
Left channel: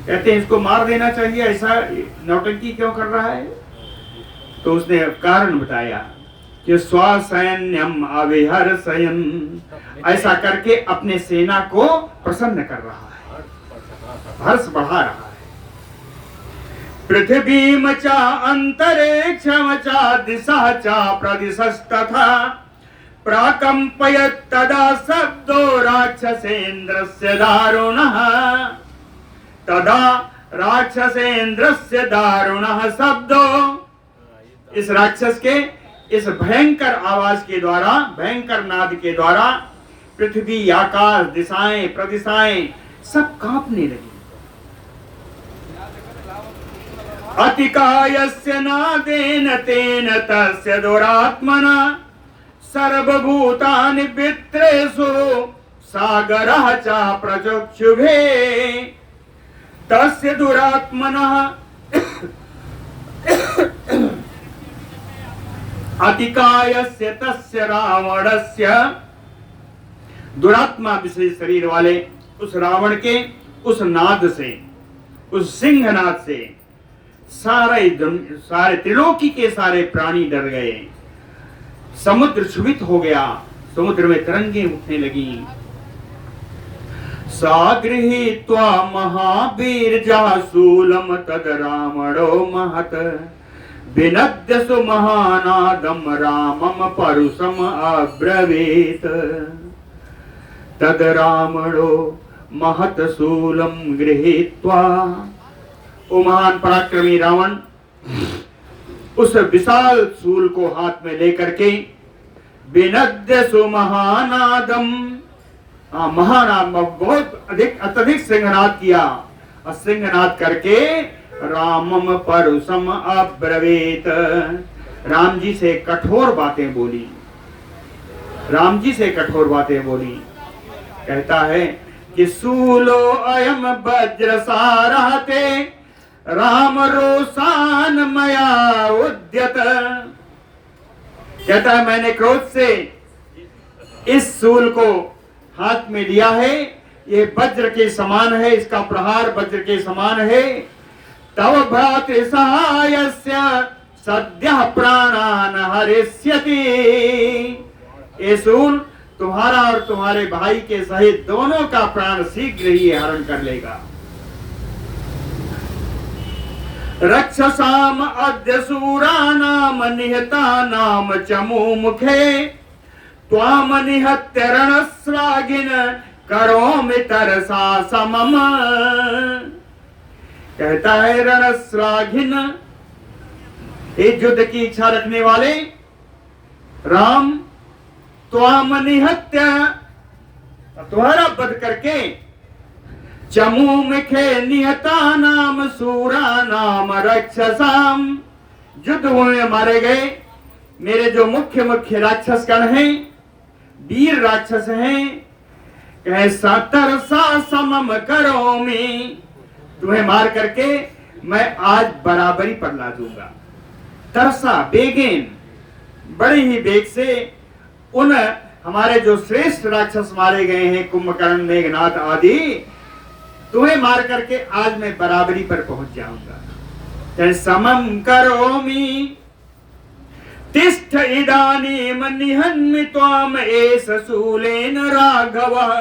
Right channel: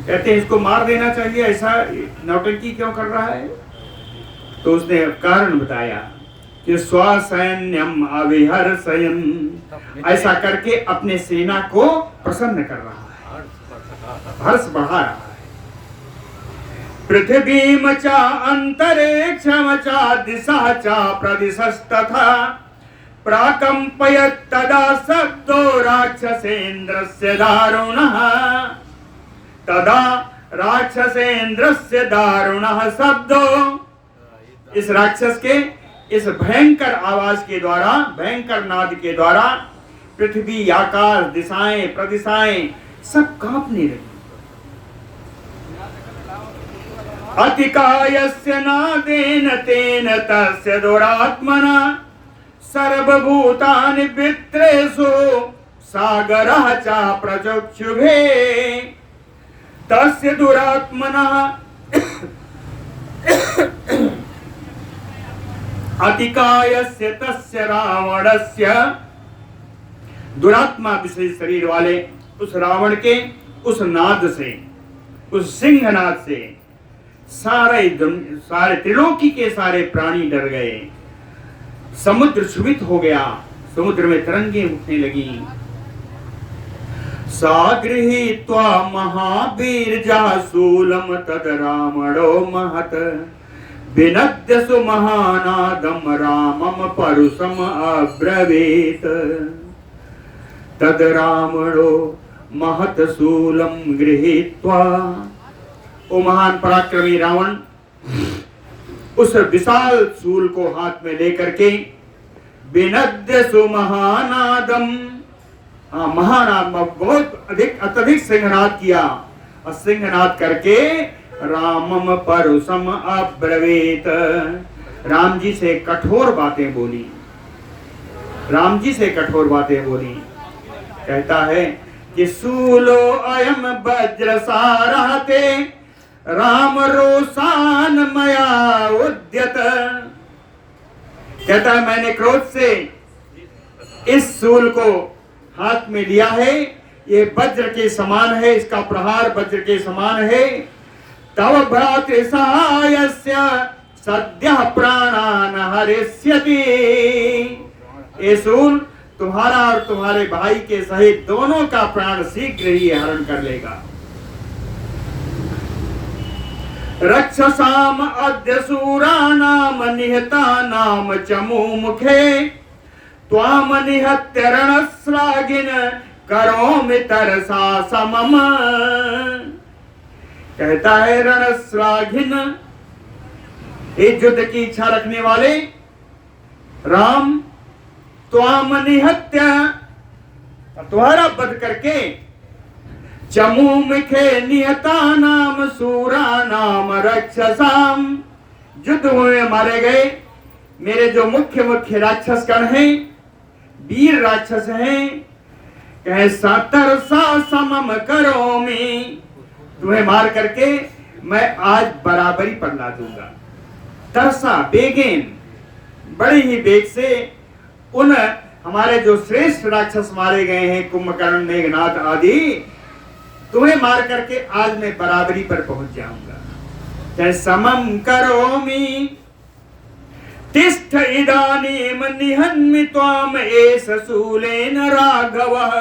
कहते हैं इसको मार देना चाहिए, ऐसा नौटंकी क्यों कर रहा है? तो उसने कारण बताया कि स्वसैन्यम अविहर्षयन्, ऐसा करके अपने सेना को प्रसन्न कर रहा है, हर्ष बढ़ा रहा है। पृथ्वीम च अंतरिक्षम च दिशा च प्रदिशस्तथा प्राकंपयत् तदा शब्दो राक्षसेन्द्रस्य दारुणः, तदा राक्षसेन्द्रस्य दारुणः शब्दो, इस राक्षस के इस भयंकर आवाज के द्वारा, भयंकर नाद के द्वारा पृथ्वी, आकाश, दिशाएं, प्रदिशाएं सब कांपने लगी। अतिकायस्य नादेन तेन तस्य दुरात्मना सर्वभूतानि वित्रेषु सागरः च प्रचक्षुभे, तस्य दुरात्मनः अतिकायस्य तस्य रावणस्य, दुरात्मा विशेष शरीर वाले उस रावण के उस नाद से, उस सिंहनाद से सारे त्रिलोकी के सारे प्राणी डर गए, समुद्र क्षुभित हो गया, समुद्र में तरंगे उठने लगी। सागृहीत्वा महावीर्या शूलम तद रावणो महत विनद्य सुमहानादम रामम परुषम अब्रवीत, तद रावणो महत शूलम गृहीत्वा, वो महान पराक्रमी रावण उस विशाल शूल को हाथ में लेकर के विनद्य सुमहानादम, महानाद बहुत अत्यधिक सिंहनाद किया, और सिंहनाद करके रामम परुषम अब्रवीत, राम जी से कठोर बातें बोली, कहता है कि सूलो अयम वज्रसारहते राम रोषान मया उद्यत, कहता है मैंने क्रोध से इस सूल को हाथ में लिया है, ये वज्र के समान है, इसका प्रहार वज्र के समान है। तव भ्रातृसहायस्य सद्यः प्राणान् हरिष्यति, ये सूल तुम्हारा और तुम्हारे भाई के सहित दोनों का प्राण शीघ्र ही हरण कर लेगा। रक्षसाम अद्य सूरानाम निहतानाम चमूमुखे त्वाम निहत्य रणश्लाघिन करोमि तरसा समम, कहता है रणश्लाघिन, एक युद्ध की इच्छा रखने वाले राम, त्वाम निहत्य, तुम्हारा वध करके, चमूमुखे निहतानाम सूरानाम रक्षसाम, युद्ध में मारे गए मेरे जो मुख्य राक्षस गण हैं, वीर राक्षस हैं, कहे तरसा समम करोमि, तुम्हें मार करके मैं आज बराबरी पर ला दूंगा। तरसा बेगेन, बड़े ही बेग से उन हमारे जो श्रेष्ठ राक्षस मारे गए हैं, कुंभकर्ण, मेघनाथ आदि, तुम्हें मार करके आज मैं बराबरी पर पहुंच जाऊंगा। चाहे समम करोमि तिष्ठ इदानीम निहन्मि त्वाम एष शूलेन राघवः,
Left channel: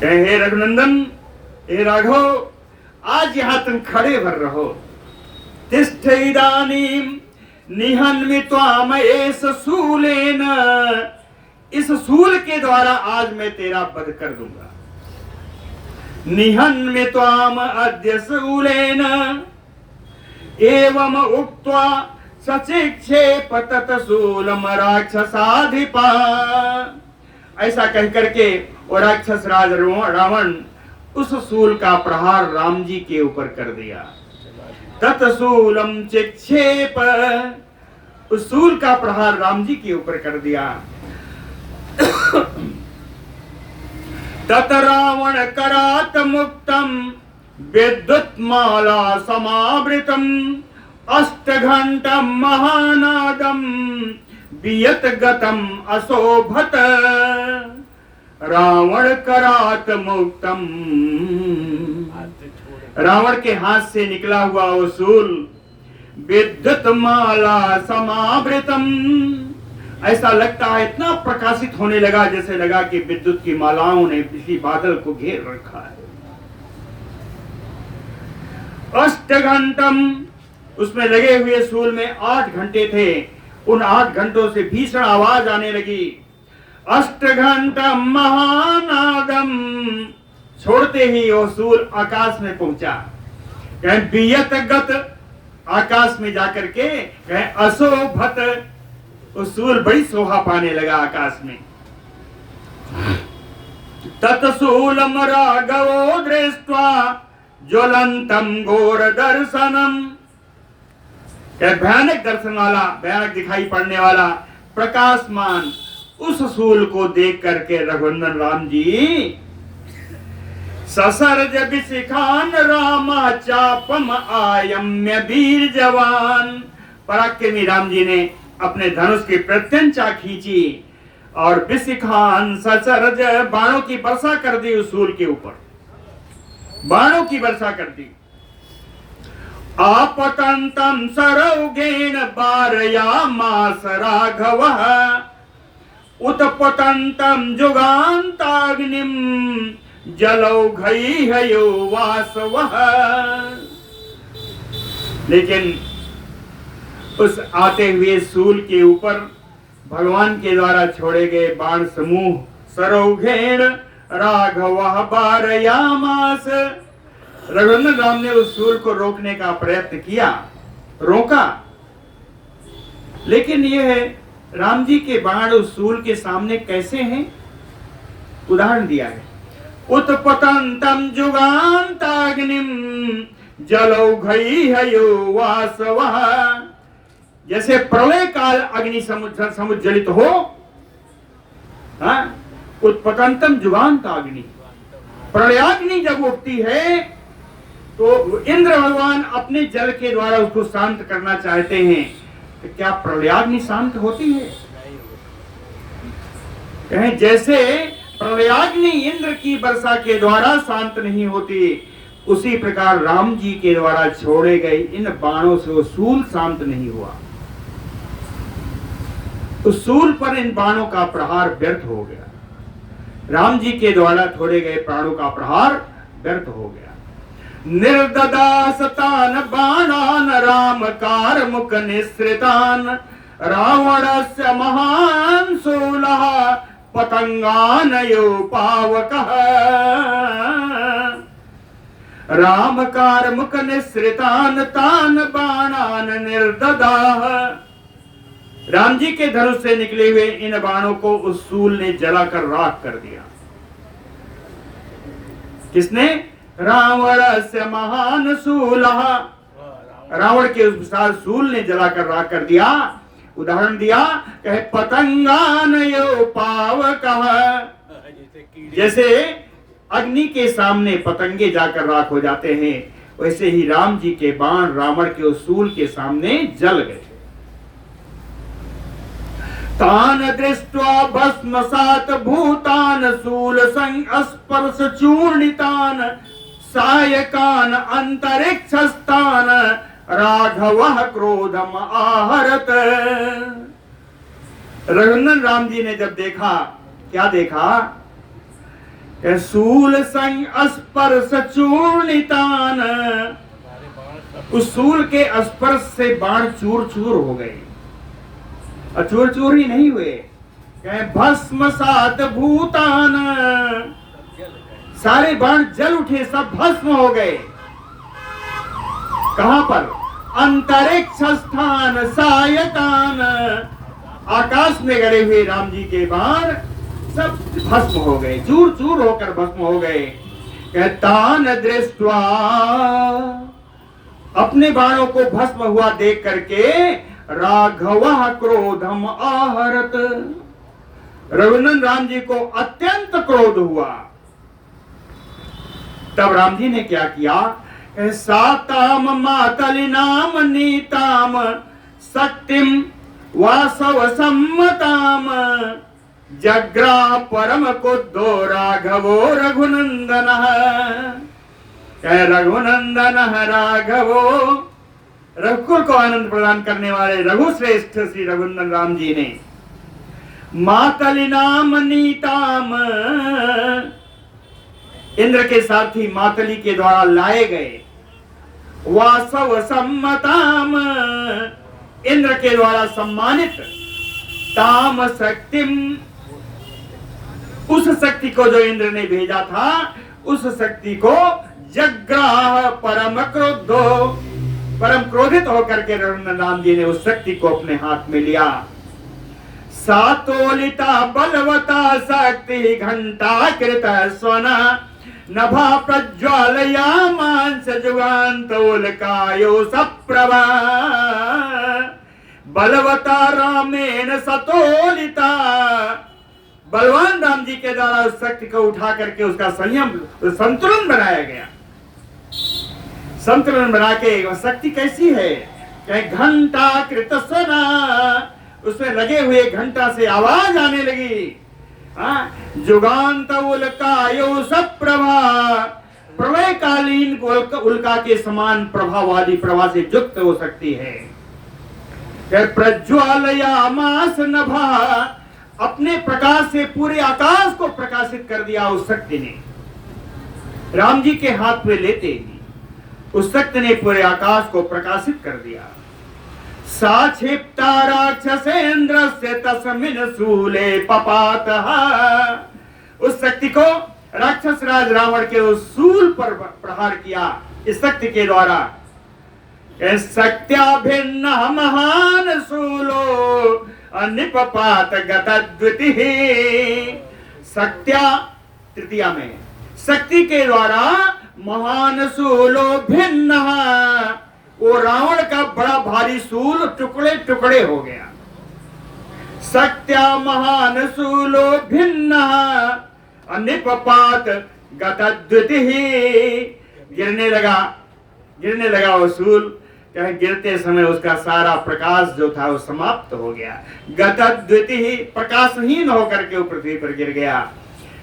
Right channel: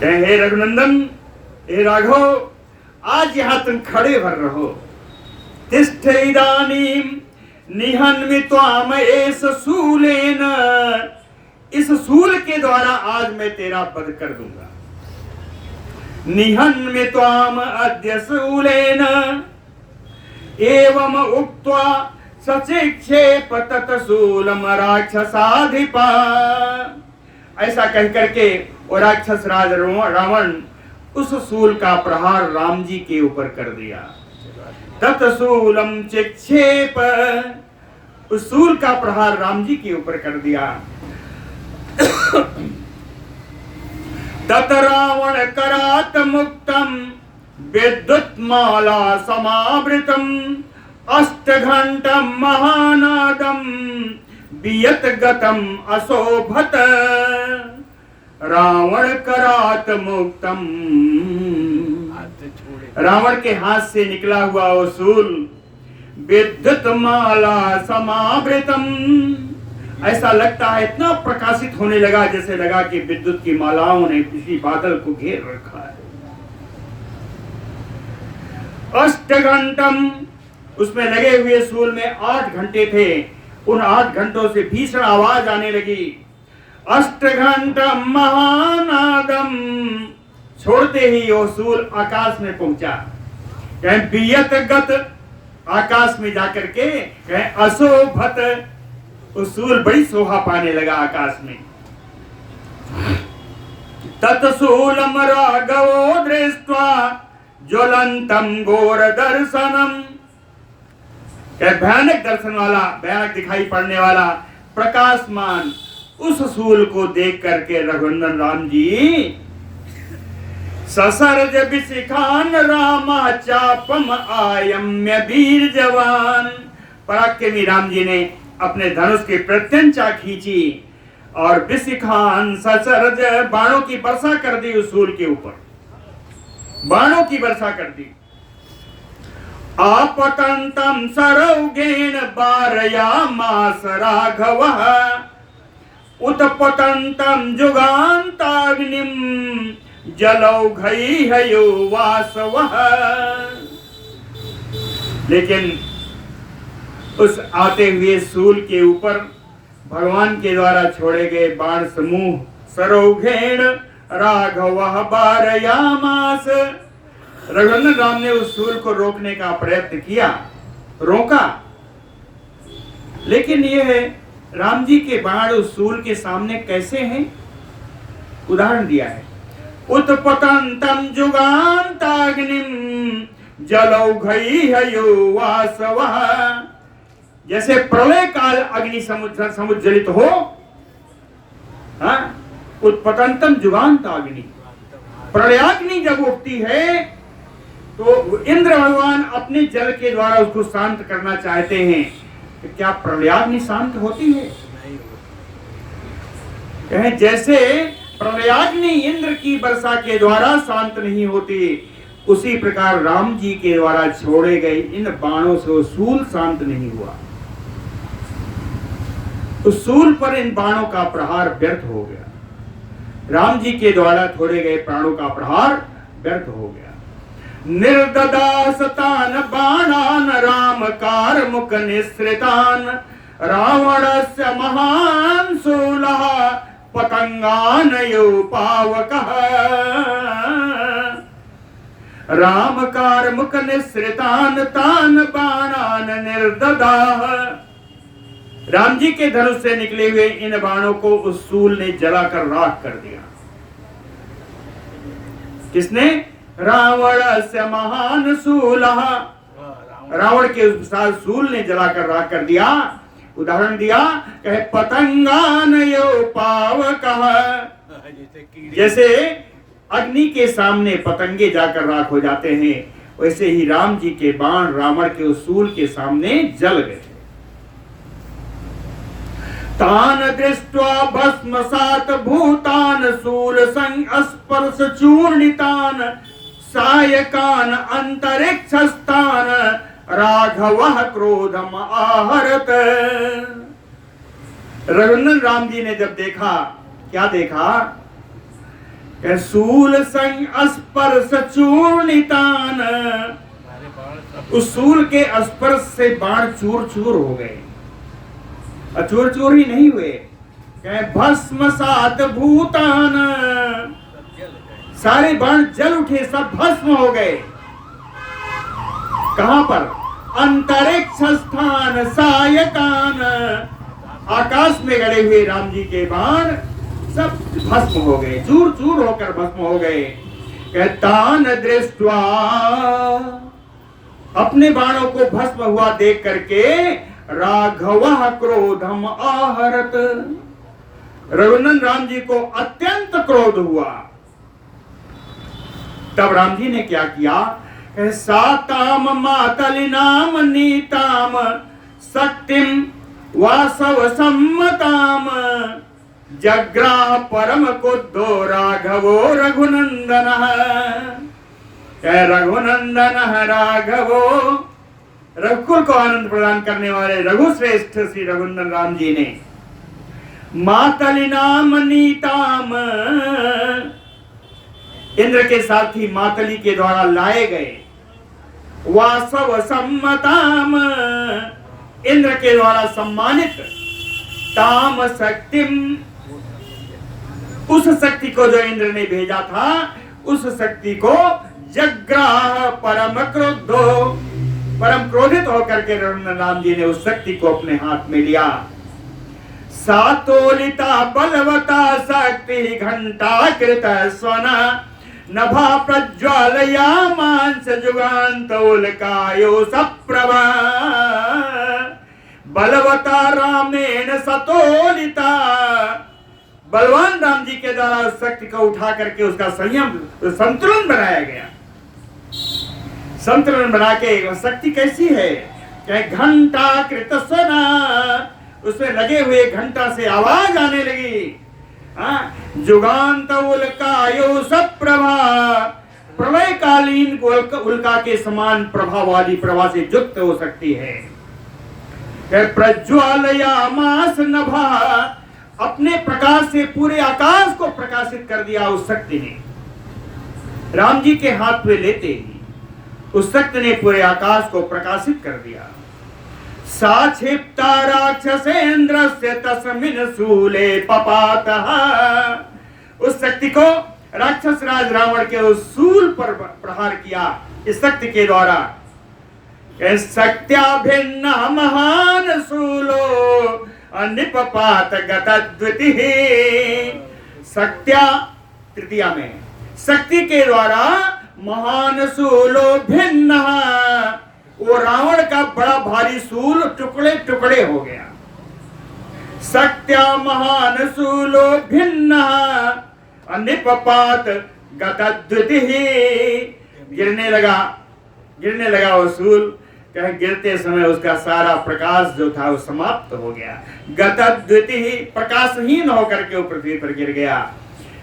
कहे हे रघुनंदन, हे राघव, आज यहां तुम खड़े भर रहो। तिष्ठ इदानीं निहन्मि त्वाम एष शूलेन, इस शूल के द्वारा आज मैं तेरा वध कर दूंगा। निहन्मि त्वाम अद्य शूलेन एवं उक्त्वा सचिक्षेप तत्शूलम राक्षसाधिपा। ऐसा कह करके वो राक्षस राज रावण उस शूल का प्रहार राम जी के ऊपर कर दिया। तत्शूलम चिक्षेप, उस शूल का प्रहार राम जी के ऊपर कर दिया। तत रावण करात मुक्तम विद्युत माला समावृतम अष्टघंटम महानादम बियत गतम अशोभत। रावण करात मुक्तम, रावण के हाथ से निकला हुआ वो शूल विद्युत माला समावृतम, ऐसा लगता है इतना प्रकाशित होने लगा जैसे लगा कि विद्युत की मालाओं ने किसी बादल को घेर रखा है। अष्टघंटम, उसमें लगे हुए शूल में 8 घंटे थे। उन 8 घंटों से भीषण आवाज आने लगी। अष्टघंटम महानादम, छोड़ते ही वो शूल आकाश में पहुंचा। कहीं बियत गत, आकाश में जाकर के, कहीं अशोभत, उस शूल बड़ी शोभा पाने लगा आकाश में। तत्शूलम राघवो दृष्ट्वा ज्वलंतम घोर दर्शनम, भयानक दर्शन वाला, भयानक दिखाई पड़ने वाला प्रकाशमान उस शूल को देख करके रघुनंदन राम जी ससर्ज विशिखान रामा चापम आयम्य वीर जवान, पराक्रमी राम जी ने अपने धनुष की प्रत्यंचा खींची और विशिखान ससर्ज, बाणों की वर्षा कर दी उस शूल के ऊपर, बाणों की वर्षा कर दी। आपतंतम सरौगेण बारयामास राघवः उत्पतंतम जुगान्ताग्निम जलौघैहयो वासवः। लेकिन उस आते हुए शूल के ऊपर भगवान के द्वारा छोड़े गए बाण समूह सरौघेण राघवः बारयामास, रघुनंदन राम ने उस शूल को रोकने का प्रयत्न किया, रोका, लेकिन यह राम जी के बाण उस शूल के सामने कैसे हैं, उदाहरण दिया है। उत्पतंतम जुगान्ताग्निम जलौघैहयो वासवः, जैसे प्रलय काल अग्नि समुज्जलित हो, उत्पतंतम जुगान्ताग्नि, प्रलयाग्नि जब उठती है तो इंद्र भगवान अपने जल के द्वारा उसको शांत करना चाहते हैं, तो क्या प्रलयाग्नि शांत होती है? कहें जैसे प्रलयाग्नि इंद्र की वर्षा के द्वारा शांत नहीं होती, उसी प्रकार राम जी के द्वारा छोड़े गए इन बाणों से शूल शांत नहीं हुआ। उस शूल पर इन बाणों का प्रहार व्यर्थ हो गया, राम जी के द्वारा छोड़े गए प्राणों का प्रहार व्यर्थ हो गया। निर्ददासतान बाणान राम कारमुक निःसृतान रावणस्य महान शूलः पतंगानयो पावकः। राम कारमुक निःसृतान तान बाणान निर्ददाह, राम जी के धनुष से निकले हुए इन बाणों को उस शूल ने जलाकर राख कर दिया। किसने? रावण से महान शूलः, रावण के उस विशाल शूल ने जलाकर राख कर दिया। उदाहरण दिया, कहे पतंगानयो पावकः, जैसे अग्नि के सामने पतंगे जाकर राख हो जाते हैं, वैसे ही राम जी के बाण रावण के उस शूल के सामने जल गए। तान दृष्ट्वा भस्मसात भूतान शूल संस्पर्श चूर्णितान सायकान अंतरिक्षस्थान राघवः क्रोधम आहरत। रघुनंदन राम जी ने जब देखा, क्या देखा शूल संग स्पर्श चूर्णितान, उस शूल के स्पर्श से बाण चूर चूर हो गए। चूर चूर ही नहीं हुए, भस्म सात भूतान, सारे बाण जल उठे, सब भस्म हो गए। कहां पर? अंतरिक्ष स्थान सायकान, आकाश में गड़े हुए राम जी के बाण सब भस्म हो गए, चूर चूर होकर भस्म हो गए। तान दृष्ट्वा, अपने बाणों को भस्म हुआ देख करके राघव क्रोधम आहरत, रघुनंदन राम जी को अत्यंत क्रोध हुआ। तब राम जी ने क्या किया? साताम मातलिनाम नीताम शक्तिम वासव सम्मताम जग्राह परम कुद्धो राघवो रघुनंदन। रघुनंदन राघवो, रघुकुल को आनंद प्रदान करने वाले रघुश्रेष्ठ श्री रघुनंदन राम जी ने मातलिनाम नीताम, इंद्र के सारथी मातली के द्वारा लाए गए, वासव सम्मताम, इंद्र के द्वारा सम्मानित, ताम शक्तिम, उस शक्ति को जो इंद्र ने भेजा था, उस शक्ति को जग्राह परम क्रोधो, परम क्रोधित होकर के रघुनंदन राम जी ने उस शक्ति को अपने हाथ में लिया। सातोलिता बलवता शक्ति घंटा कृत स्वना नभा प्रज्वालया मांस जुगान्तोलकायो सप्रभा। बलवता रामेण सतोलिता, बलवान राम जी के द्वारा उस शक्ति को उठा करके उसका संयम संतुलन बनाया गया। संतुलन बना के वह शक्ति कैसी है? घंटा कृत स्वना, उसमें लगे हुए घंटा से आवाज आने लगी। जुगांत उल्कायो सप्रभा, प्रलयकालीन उल्का के समान प्रभा वाली प्रभा से युक्त हो सकती है। प्रज्वालयामास नभा, अपने प्रकाश से पूरे आकाश को प्रकाशित कर दिया उस शक्ति ने। राम जी के हाथ में लेते ही उस शक्ति ने पूरे आकाश को प्रकाशित कर दिया। साक्षिप्ता राक्षसेन्द्रस्य तस्मिन् शूले पपातः, उस शक्ति को राक्षस राज रावण के उस शूल पर प्रहार किया इस शक्ति के द्वारा। शक्त्या भिन्न महान शूलो अनिपपात गतद्वितिः, शक्त्या तृतीया में शक्ति के द्वारा महान शूलो भिन्न, वो रावण का बड़ा भारी शूल टुकड़े टुकड़े हो गया। शक्त्या महान शूलो भिन्न अनिपपात गतद्वितिः, गिरने लगा वो शूल। कहे गिरते समय उसका सारा प्रकाश जो था वो समाप्त हो गया। गतद्वितिः, प्रकाशहीन होकर के वो पृथ्वी पर गिर गया।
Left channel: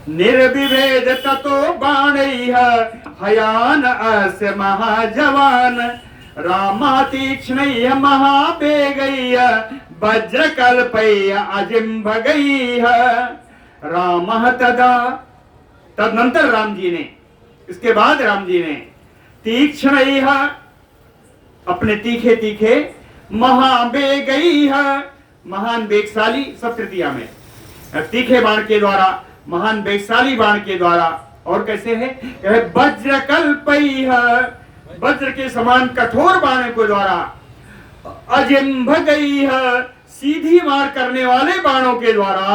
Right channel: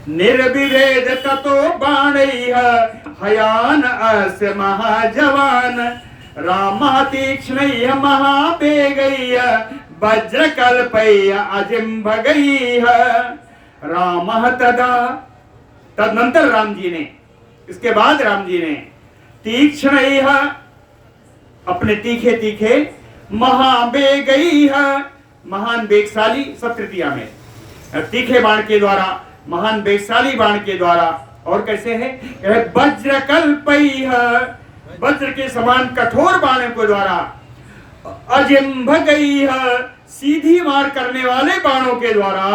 निर्विभेद ततो बाणैः हयान अस्य महाजवान रामः तीक्ष्णैः महावेगैः वज्रकल्पैः अजिम्भगैः। रामः तदा, तदनंतर राम जी ने, इसके बाद राम जी ने तीक्ष्णैः, अपने तीखे तीखे, महावेगैः, महान वेगशाली, सब तृतीया में, तीखे बाण के द्वारा, महान वेगशाली बाण के द्वारा, और कैसे है? वज्रकल्पैः, वज्र के समान कठोर बाणों के द्वारा, अजिम्भगैः, सीधी मार करने वाले बाणों के द्वारा,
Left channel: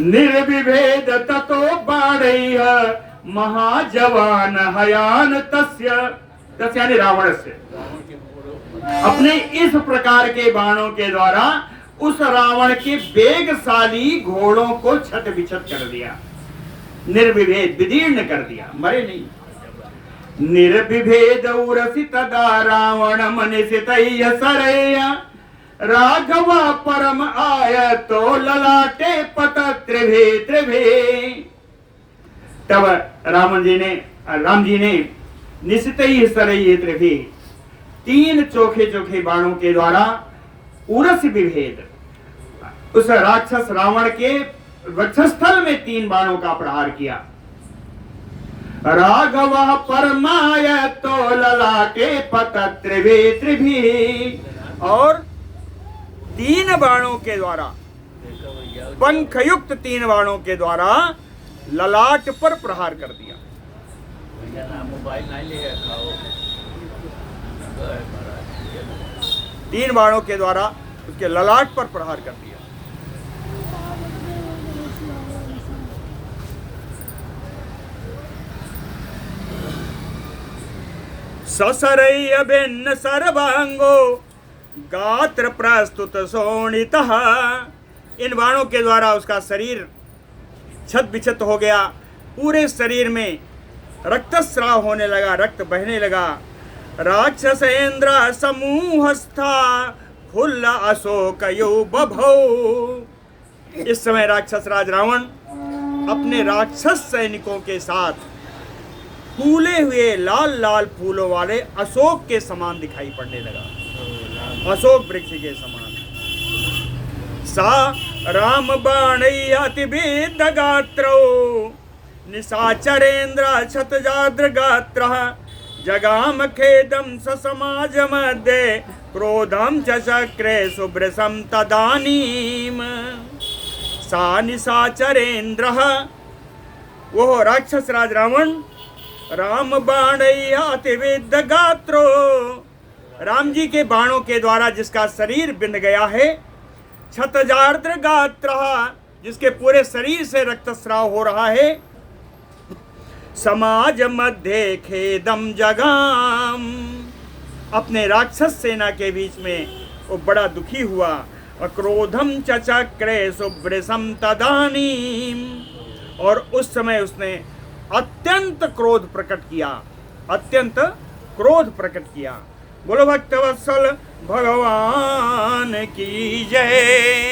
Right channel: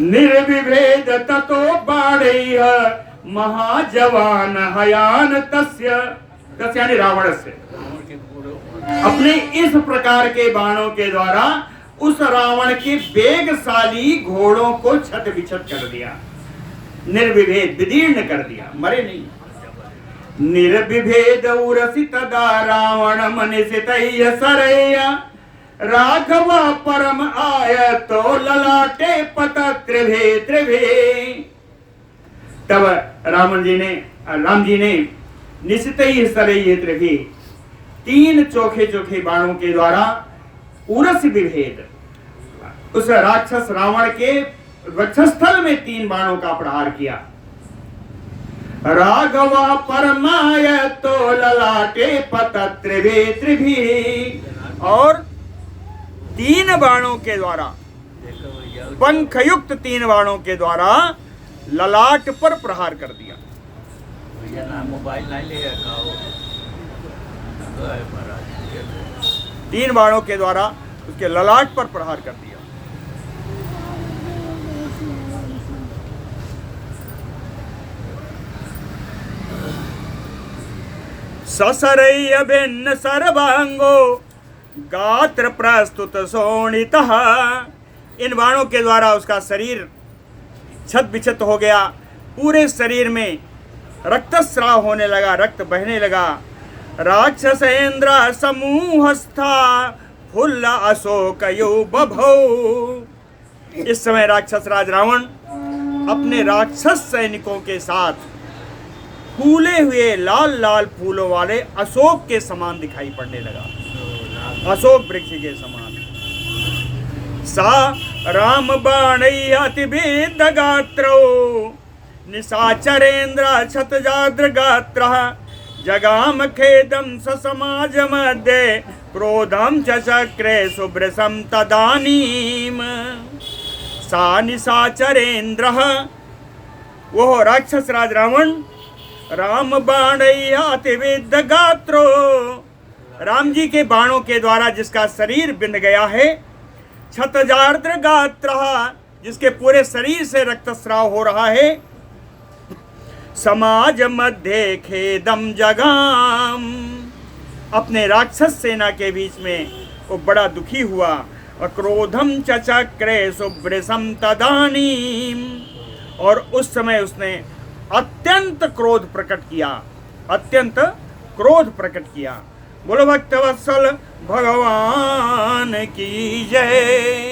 निर्विभेद ततो बाणैः महाजवान हयान तस्य, तस्य यानी रावण से, अपने इस प्रकार के बाणों के द्वारा उस रावण के वेगशाली घोड़ों को छत विछत कर दिया। निर्विभेद, विदीर्ण कर दिया, मरे नहीं। निर्विभेद उरसि तदा रावण मनिषितैः सरैः राघव परम आय तो ललाटे पत त्रिभे त्रिभे। तब राम जी ने निशितैः सरैः त्रिभे, तीन चोखे चोखे बाणों के द्वारा उरस विभेद, उस राक्षस रावण के वक्षस्थल में 3 बाणों का प्रहार किया। राघव परमाय तो ललाटे पत त्रिभी, और 3 बाणों के द्वारा, पंखयुक्त 3 बाणों के द्वारा ललाट पर प्रहार कर दिया। 3 बाणों के द्वारा उसके ललाट पर प्रहार कर दिया। ससरय भिन्न सर्वांगो गात्र प्रस्तुत शोणितः, इन बाणों के द्वारा उसका शरीर छत बिछत हो गया, पूरे शरीर में रक्तस्राव होने लगा, रक्त बहने लगा। राक्षसेन्द्र समूहस्था फुल्ल अशोक बभौ, इस समय राक्षस राज रावण अपने राक्षस सैनिकों के साथ फूले हुए लाल लाल फूलों वाले अशोक के समान दिखाई पड़ने लगा, अशोक वृक्ष के समान। सा राम बाणै अतिवेद गात्रो निशाचरेन्द्र क्षतजाद्र गात्र, जगाम खेदम समाज मध्ये क्रोधम चक्रे सुभ्रसम तदानीम। सा निशाचरेन्द्र, वो राक्षस राज रावण राम बाणै अतिवेद गात्रो, राम जी के बाणों के द्वारा जिसका शरीर बिंद गया है, क्षतजार्द्र गात्र, जिसके पूरे शरीर से रक्तस्राव हो रहा है, समाज मध्य खेदम जगाम, अपने राक्षस सेना के बीच में वो बड़ा दुखी हुआ। अक्रोधम चक्रे सुभ्रसम तदानीम, और उस समय उसने अत्यंत क्रोध प्रकट किया, अत्यंत क्रोध प्रकट किया। बोलो भक्तवत्सल भगवान की जय।